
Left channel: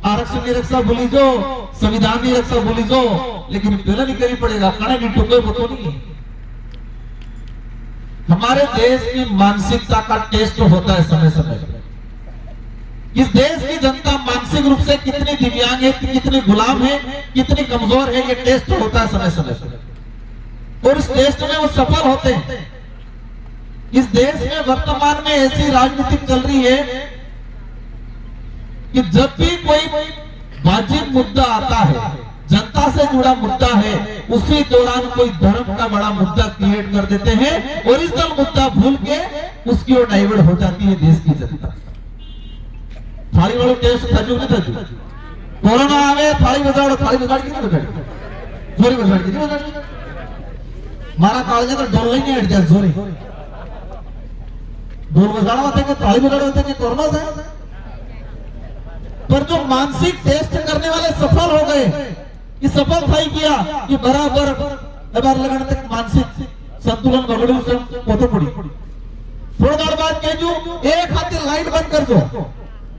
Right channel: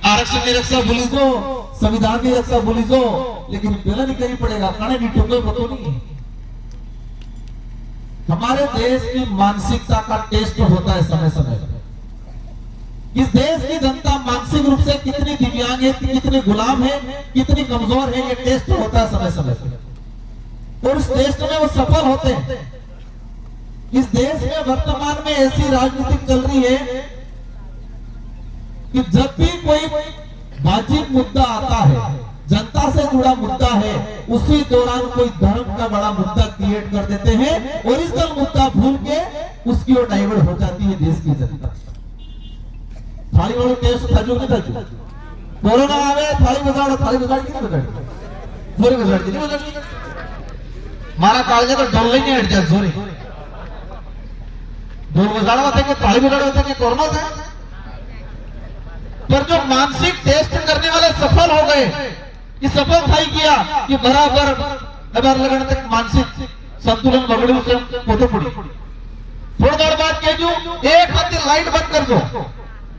आरक्षण की रक्षा भूली जो, संविधान की रक्षा भूली जो, लेकिन पहले नहीं करी पड़ेगा, खाने की टुकड़े पतो नहीं। हमारे देश की मानसिकता का टेस्ट होता है समय समय पर। इस देश की जनता मानसिक रूप से कितनी दिव्यांग है, कितनी गुलाम है, कितनी कमजोर है, ये टेस्ट होता है समय समय पर। और इस टेस्ट में वो सफल होते हैं। इस देश में वर्तमान में ऐसी राजनीति चल रही है कि जब भी कोई वाजिब मुद्दा आता है, जनता से जुड़ा मुद्दा है, उसी दौरान कोई धर्म का बड़ा मुद्दा क्रिएट कर देते हैं और इस मुद्दा भूल के उसकी ओर डाइवर्ट हो जाती है देश की जनता। थाली वालों टेस्ट था जो नहीं था, कोरोना आवे थाली बजाओ, थाली बजाड़ की नहीं बजाड़ी, जोरी बजाड़ की नहीं बजाड़ी, मारा कालजा तो डोल नहीं हट जाए, जोरी ढोल बजाड़ा होते कि थाली बजाड़ होते कि कोरोना था। पर जो मानसिक टेस्ट करने वाले सफल हो गए, कि सफल था किया कि बराबर बार लगाने तक मानसिक संतुलन बगड़ू से पोतो पड़ी। थोड़ी देर बाद कह जो एक हाथ लाइट बंद कर दो,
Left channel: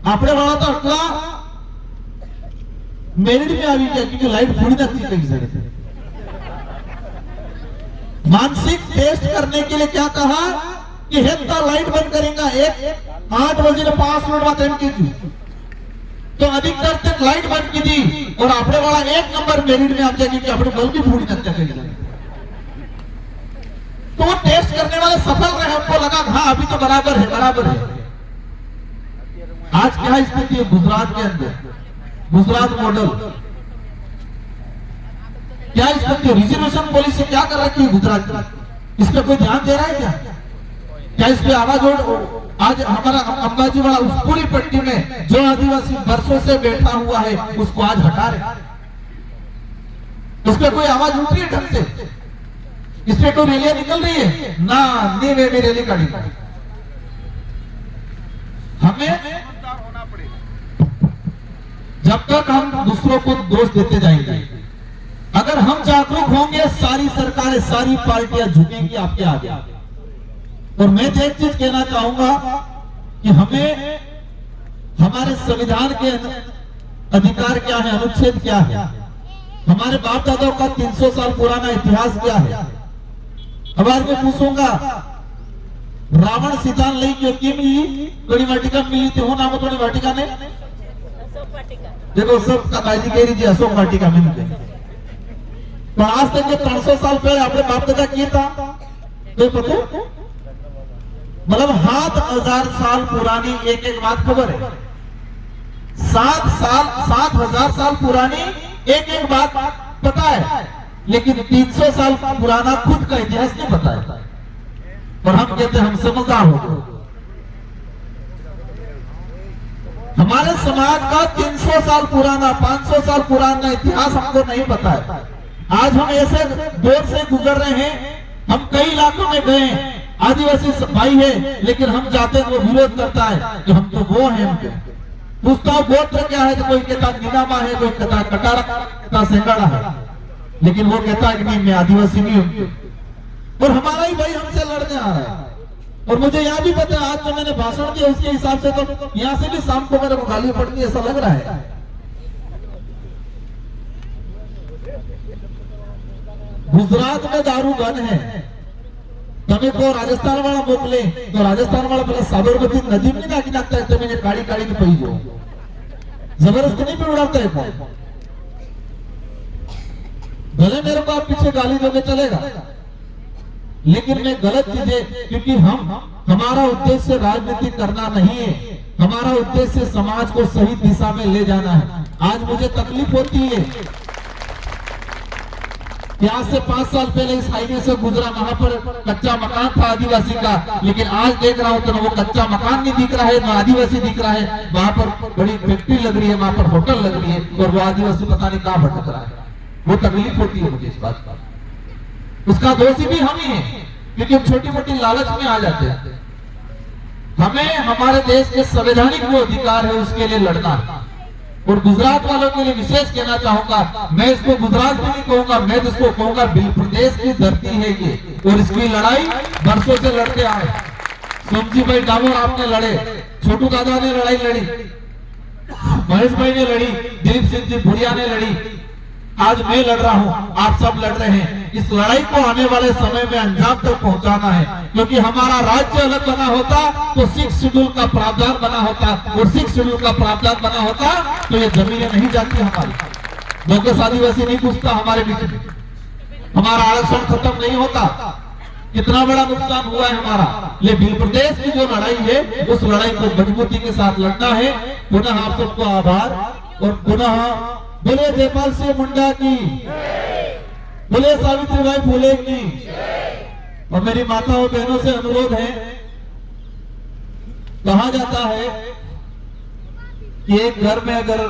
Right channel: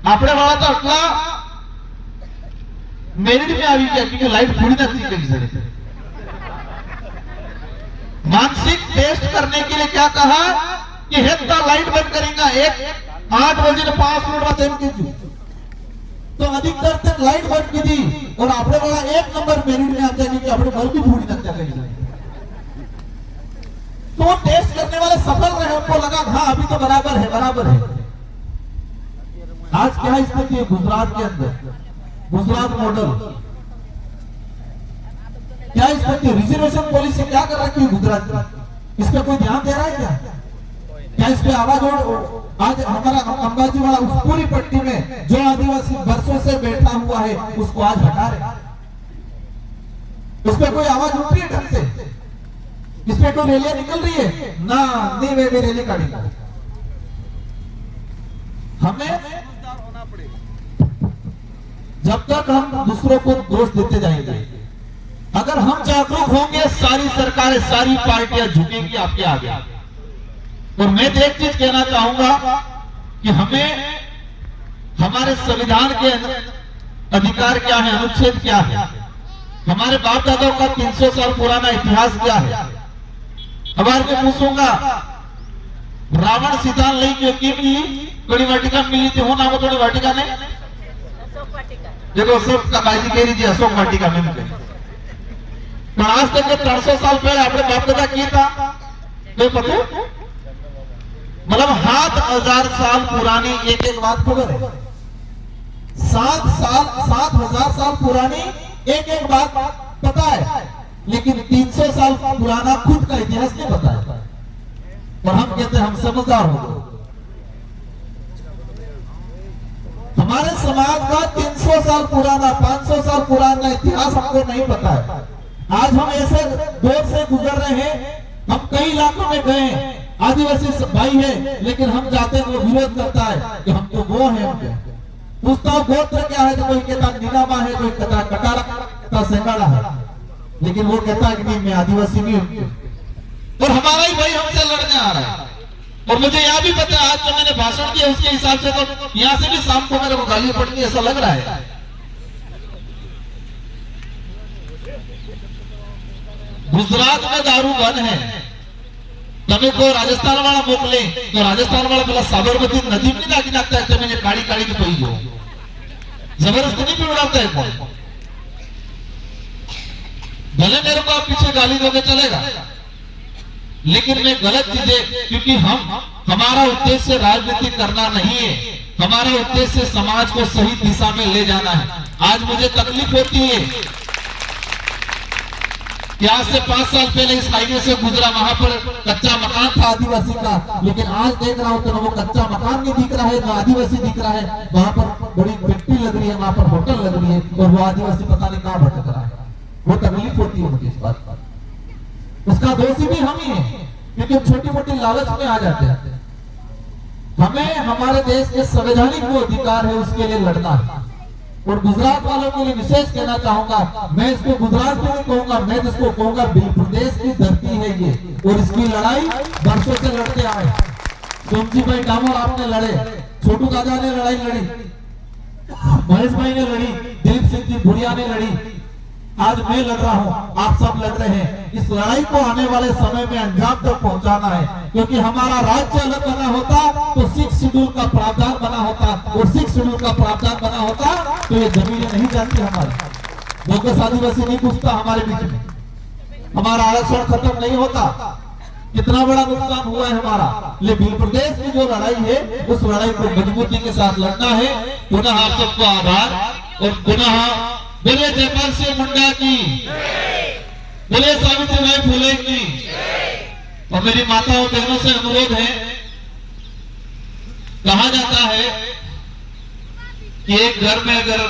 आपने वाला तो अटला मेरिट में आवी क्या क्योंकि लाइट पूरी नथी कहीं से। मानसिक टेस्ट करने के लिए क्या कहा कि हेत्ता लाइट बंद करेगा, एक 8 बजे 5 मिनट बाद एम की तो अधिकतर तक लाइट बंद की थी और आपने वाला 1 नंबर मेरिट में आप जाएंगे कि आपने बल्ब भी पूरी नथी कहीं। तो टेस्ट करने वाले सफल रहे, हमको लगा हाँ अभी तो बराबर है, बराबर है। आज क्या स्थिति है गुजरात के अंदर, गुजरात मॉडल क्या स्थिति है? रिजर्वेशन पॉलिसी क्या कर रखी है गुजरात में? इस पे कोई ध्यान दे रहा है क्या? क्या इस पे आवाज आज हमारा अंबाजी वाला उस पूरी पट्टी में जो आदिवासी वर्षों से बैठा हुआ है उसको आज हटा रहे, इस पे कोई आवाज उठ रही है ढंग से? इस पे कोई रैलियां निकल रही है ना? नहीं वे भी रैली काटी। हमें जब तक हम दूसरों को दोष देते जाएंगे, अगर हम जागरूक होंगे सारी सरकारें, सारी पार्टियां झुकेंगी आपके आगे। और मैं तो एक चीज कहना चाहूंगा कि हमें हमारे संविधान के अधिकार क्या है, अनुच्छेद क्या है, हमारे बाप दादाओं का 300 साल पुराना इतिहास क्या है। अब आज मैं पूछूंगा रावण सीता लई क्यों की मिली, थोड़ी वाटिका मिली थी, वो नाम थोड़ी वाटिका ने देखो सब का बाजी कह रही थी अशोक वाटिका में मुझे। पर आज तक के 300 साल पहले आपने बाप दादा किया था तो पता, मतलब 7,000 साल पुरानी एक एक बात खबर है। 7,000 साल पुरानी एक एक बात पता है, लेकिन 300 साल पुराना खुद का इतिहास नहीं पता है। और हम कहते हैं हम समझदार हो गए। हमारे समाज का 300 साल पुराना, 500 साल पुराना इतिहास हमको नहीं पता है। आज हम ऐसे दौर से गुजर रहे हैं, हम कई इलाकों में गए, आदिवासी भाई है, लेकिन हम जाते हैं वो विरोध करता है कि हम तो वो हैं। पूछता हूं गोत्र क्या है, तो कोई कहता नीनामा है, कोई कहता कटारा, कहता सेंगाड़ा है, लेकिन वो कहता है कि नहीं मैं आदिवासी नहीं हूं। और हमारा ही भाई हमसे लड़ने आ रहा है। और मुझे यहाँ भी पता है आज जो मैंने भाषण दिया उसके हिसाब से तो यहाँ से भी शाम को मेरे को गाली पड़ती ऐसा लग रहा है। गुजरात में दारू बंद है, તમે को राजस्थान वाला मोकले तो राजस्थान वाला પેલા साबरमती नदी में नाखी नाखता है, તમે ये काली काली में पी जाओ, जबरदस्ती नहीं पिलाता है कौन। भले मेरे को आप पीछे गाली दोगे चलेगा, लेकिन मैं गलत चीजें, क्योंकि हमारा उद्देश्य राजनीति करना नहीं है, हमारा उद्देश्य समाज को सही दिशा में ले जाना है। आज मुझे तकलीफ होती है कि आज से 5 साल पहले इस हाईवे से गुजरा, वहां पर कच्चा मकान था आदिवासी का, लेकिन आज देख रहा हूं तो वो कच्चा मकान नहीं दिख रहा है, ना आदिवासी दिख रहा है। वहां पर बड़ी फैक्ट्री लग रही है, वहां पर होटल लग रही है, और वो आदिवासी पता नहीं कहां भटक रहा है। वो तकलीफ होती है मुझे इस बात पर। उसका दोषी भी हम ही है, क्योंकि छोटी मोटी लालच में आ जाते हैं। हमें हमारे देश के संवैधानिक जो अधिकार है उसके लिए लड़ना है। और गुजरात वालों के लिए विशेष कहना चाहूंगा, मैं इसको गुजरात में नहीं कहूंगा, मैं तो इसको कहूंगा बिल प्रदेश की धरती है ये, और इसकी लड़ाई वर्षों से लड़ते आए। सोमजी भाई डामोर आपने लड़े, छोटू दादा ने लड़ाई लड़ी, महेश भाई ने लड़ी, दिलीप सिंह जी भुरिया ने लड़ी, आज मैं लड़ रहा हूं, आप सब लड़ रहे हैं। इस लड़ाई को आने वाले समय में अंजाम तक पहुंचाना है, क्योंकि हमारा राज्य अलग बना होता तो 6 शेड्यूल का प्रावधान बना होता, और 6 शेड्यूल का प्रावधान बना होता तो ये जमीनें नहीं जाती हमारी, लोगों आदिवासी नहीं घुसता हमारे बीच में, हमारा आरक्षण खत्म नहीं होता। कितना बड़ा नुकसान हुआ है हमारा। लेकिन प्रदेश की जो लड़ाई है उस लड़ाई को मजबूती के साथ लड़ना है। पुनः आप सबको आभार, और पुनः बोले जयपाल सिंह मुंडा की, बोले सावित्रीबाई फुले की। और मेरी माताओं बहनों से अनुरोध है, कहा जाता है कि एक घर में अगर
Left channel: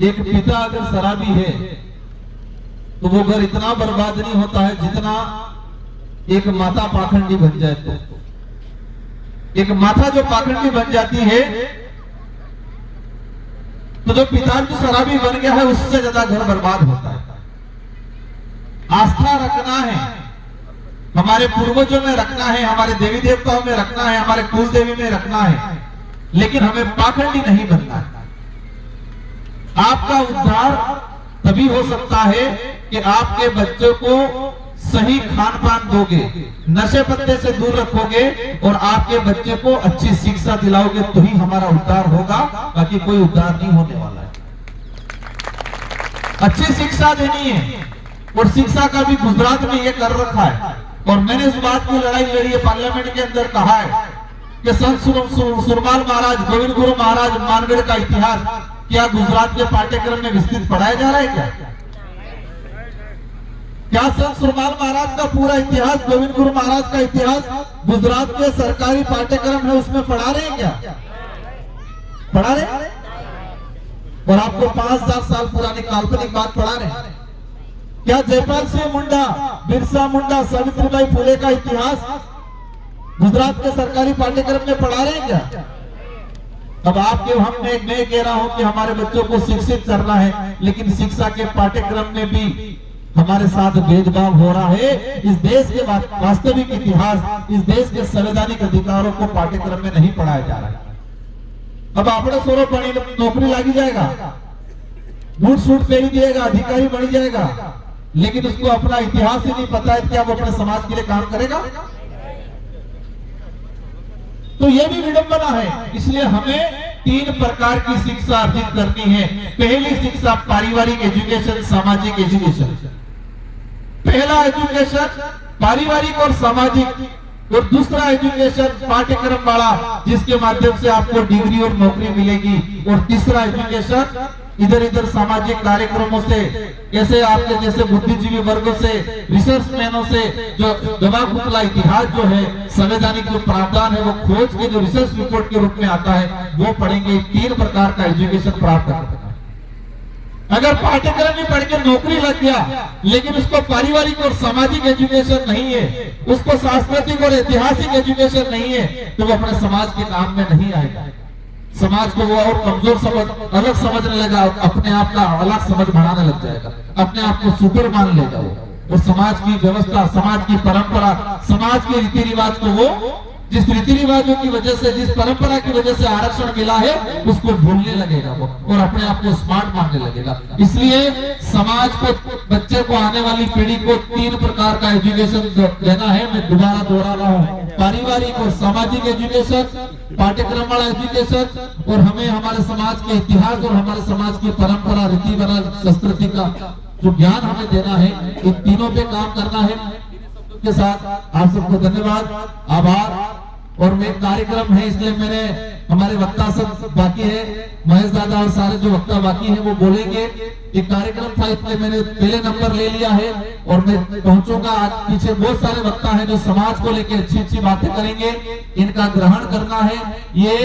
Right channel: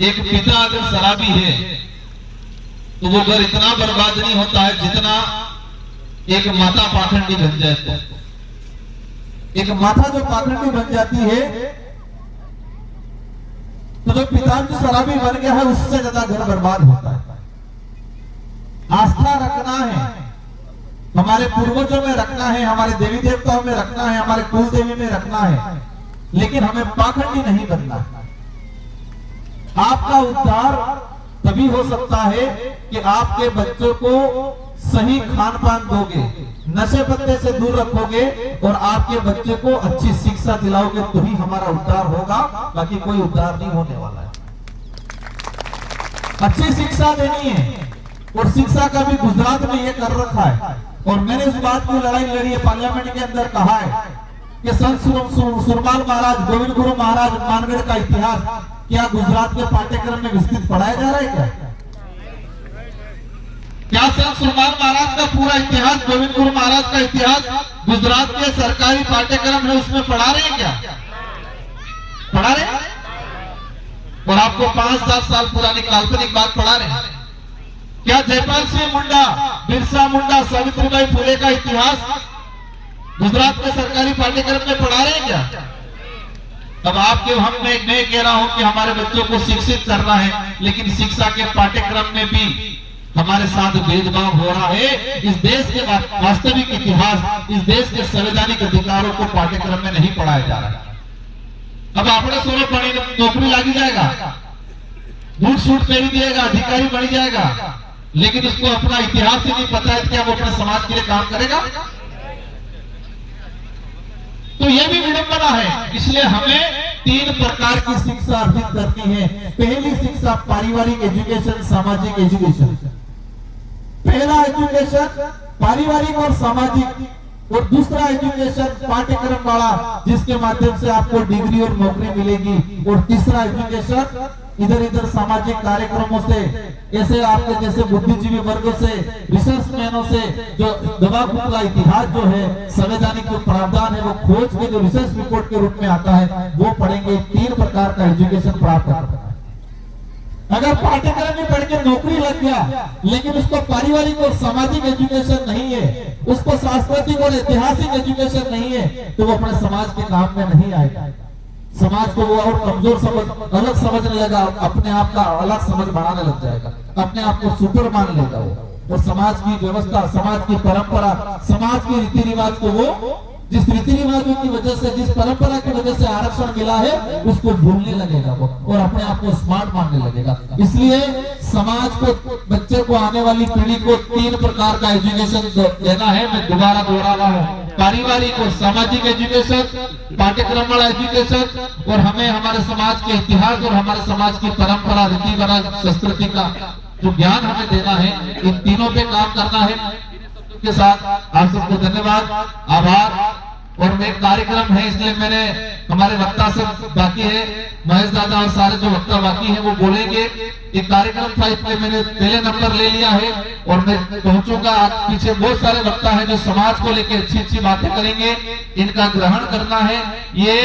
एक पिता अगर शराबी है तो वो घर इतना बर्बाद नहीं होता है जितना एक माता पाखंडी बन जाए। तो एक माता जो पाखंडी बन जाती है तो जो पिता जो शराबी बन गया है उससे ज्यादा घर बर्बाद होता है। आस्था रखना है, हमारे पूर्वजों में रखना है, हमारे देवी देवताओं में रखना है, हमारे कुल देवी में रखना है, लेकिन हमें पाखंडी नहीं बनना है। आपका उद्धार तभी हो सकता है कि आपके बच्चों को सही खान पान दोगे, नशे पत्ते से दूर रखोगे और आपके बच्चे को अच्छी शिक्षा दिलाओगे, तो ही हमारा उद्धार होगा, बाकी कोई उद्धार नहीं होने वाला है। अच्छी शिक्षा देनी है, और शिक्षा का भी गुजरात में ये कर रखा है। और मैंने इस बात की लड़ाई लड़ी है, पार्लियामेंट के अंदर कहा है कि संत सुरमाल महाराज, गोविंद गुरु महाराज मानगढ़ का इतिहास क्या गुजरात के पाठ्यक्रम में विस्तृत पढ़ाया जा रहा है? क्या संत सुरमाल महाराज का पूरा इतिहास, गोविंद गुरु महाराज का इतिहास गुजरात के सरकारी पाठ्यक्रम है उसमें पढ़ा रहे हैं? क्या पढ़ा रहे हैं? और आपको 5,000 साल पुरानी काल्पनिक बात पढ़ा रहे हैं? क्या जयपाल सिंह मुंडा, बिरसा मुंडा, सावित्रीबाई फुले का इतिहास गुजरात के सरकारी पाठ्यक्रम में पढ़ा रहे हैं? क्या अब आपके मैं कह रहा हूं कि हमारे बच्चों को शिक्षित करना है, लेकिन शिक्षा के पाठ्यक्रम में भी हमारे साथ भेदभाव हो रहा है। इस देश के वास्तविक इतिहास, इस देश के संवैधानिक अधिकारों को पाठ्यक्रम में नहीं पढ़ाया जा रहा है। अब अपने सोने पढ़ी नौकरी लागी जाएगा, बूट सूट पहन दिएगा, अधिकारी बन जाएगा, लेकिन उसको अपना इतिहास ही नहीं पता है, क्या वो अपने समाज के लिए काम करेगा? तो ये भी विडंबना है। इसलिए हमें 3 प्रकार की शिक्षा अर्जित करनी है। पहली शिक्षा पारिवारिक एजुकेशन, सामाजिक एजुकेशन। पहला एजुकेशन पारिवारिक और सामाजिक, और दूसरा एजुकेशन पाठ्यक्रम वाला जिसके माध्यम से आपको डिग्री और नौकरी मिलेगी, और तीसरा एजुकेशन इधर इधर सामाजिक कार्यक्रमों से, ऐसे आपके जैसे बुद्धिजीवी वर्गों से, रिसर्च मैनों से, जो गवाह इतिहास जो है, संवैधानिक जो प्रावधान है वो खोज के जो रिसर्च रिपोर्ट के रूप में आता है वो पढ़ेंगे। 3 प्रकार का एजुकेशन प्राप्त करते हैं। अगर पाठ्यक्रम में पढ़ के नौकरी लग गया लेकिन उसको पारिवारिक और सामाजिक एजुकेशन नहीं है, उसको सांस्कृतिक और ऐतिहासिक एजुकेशन नहीं है, तो वो अपने समाज के काम में नहीं आएगा। समाज को वो और कमजोर समझ, अलग समझने लगा, अपने आप का अलग समझ बढ़ाने लग जाएगा, अपने आप को सुपर मान लेगा वो, और समाज की व्यवस्था, समाज की परंपरा, समाज के रीति रिवाज को वो, जिस रीति रिवाजों की वजह से, जिस परंपरा की वजह से आरक्षण मिला है उसको भूलने लगेगा वो, और अपने आप को स्मार्ट मानने लगेगा। इसलिए समाज को, बच्चे को, आने वाली पीढ़ी को 3 प्रकार का एजुकेशन देना है। मैं दोबारा दोहरा रहा हूँ, पारिवारिक और सामाजिक एजुकेशन, पाठ्यक्रम वाला एजुकेशन, और हमें हमारे समाज के इतिहास और हमारे समाज की परंपरा, रीति रिवाज, संस्कृति का जो ज्ञान हमें देना है, इन तीनों पे काम करना है। के साथ आप सबको धन्यवाद, आभार। और एक कार्यक्रम है, इसलिए मैंने हमारे वक्ता सब बाकी है, महेश दादा और सारे जो वक्ता बाकी हैं वो बोलेंगे। एक कार्यक्रम था इसलिए मैंने पहले नंबर ले लिया है और मैं पहुंचूंगा। पीछे बहुत सारे वक्ता हैं जो समाज को लेकर अच्छी अच्छी बातें करेंगे, इनका ग्रहण करना है। ये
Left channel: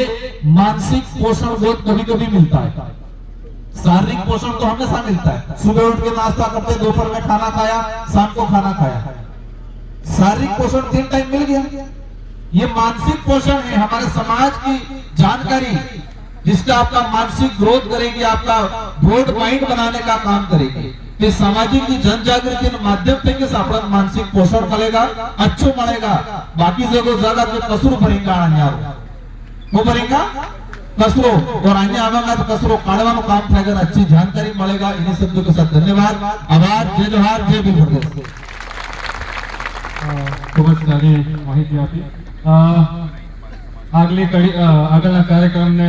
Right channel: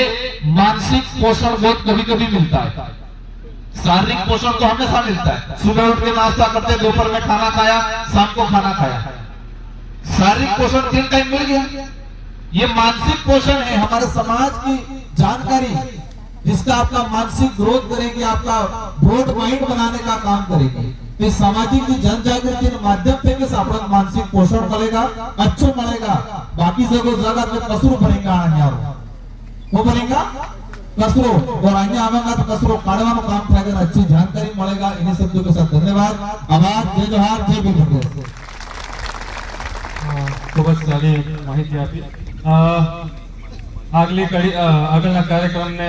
मानसिक पोषण बहुत कभी कभी मिलता है, शारीरिक पोषण तो हमेशा मिलता है। सुबह उठ के नाश्ता करते, दोपहर में खाना खाया, शाम को खाना खाया, शारीरिक पोषण 3 टाइम मिल गया। ये मानसिक पोषण है, हमारे समाज की जानकारी जिसका आपका मानसिक ग्रोथ करेगी, आपका ब्रॉड माइंड बनाने का काम करेगी। तो सामाजिक जन जागृति माध्यम से आपका मानसिक पोषण मिलेगा, अच्छो मिलेगा। बाकी जगह के कसरू भरेगा, वो भरेगा कसरो और अन्य आवांगा तो कसरो काढ़वा में काम थाएगा, अच्छी जानकारी मिलेगा। इन्हीं शब्दों के साथ धन्यवाद। आभार, जय जोहार, जय भीम प्रदेश। ખૂબ જ સારી માહિતી આપી. આગલી આગળના કાર્યક્રમને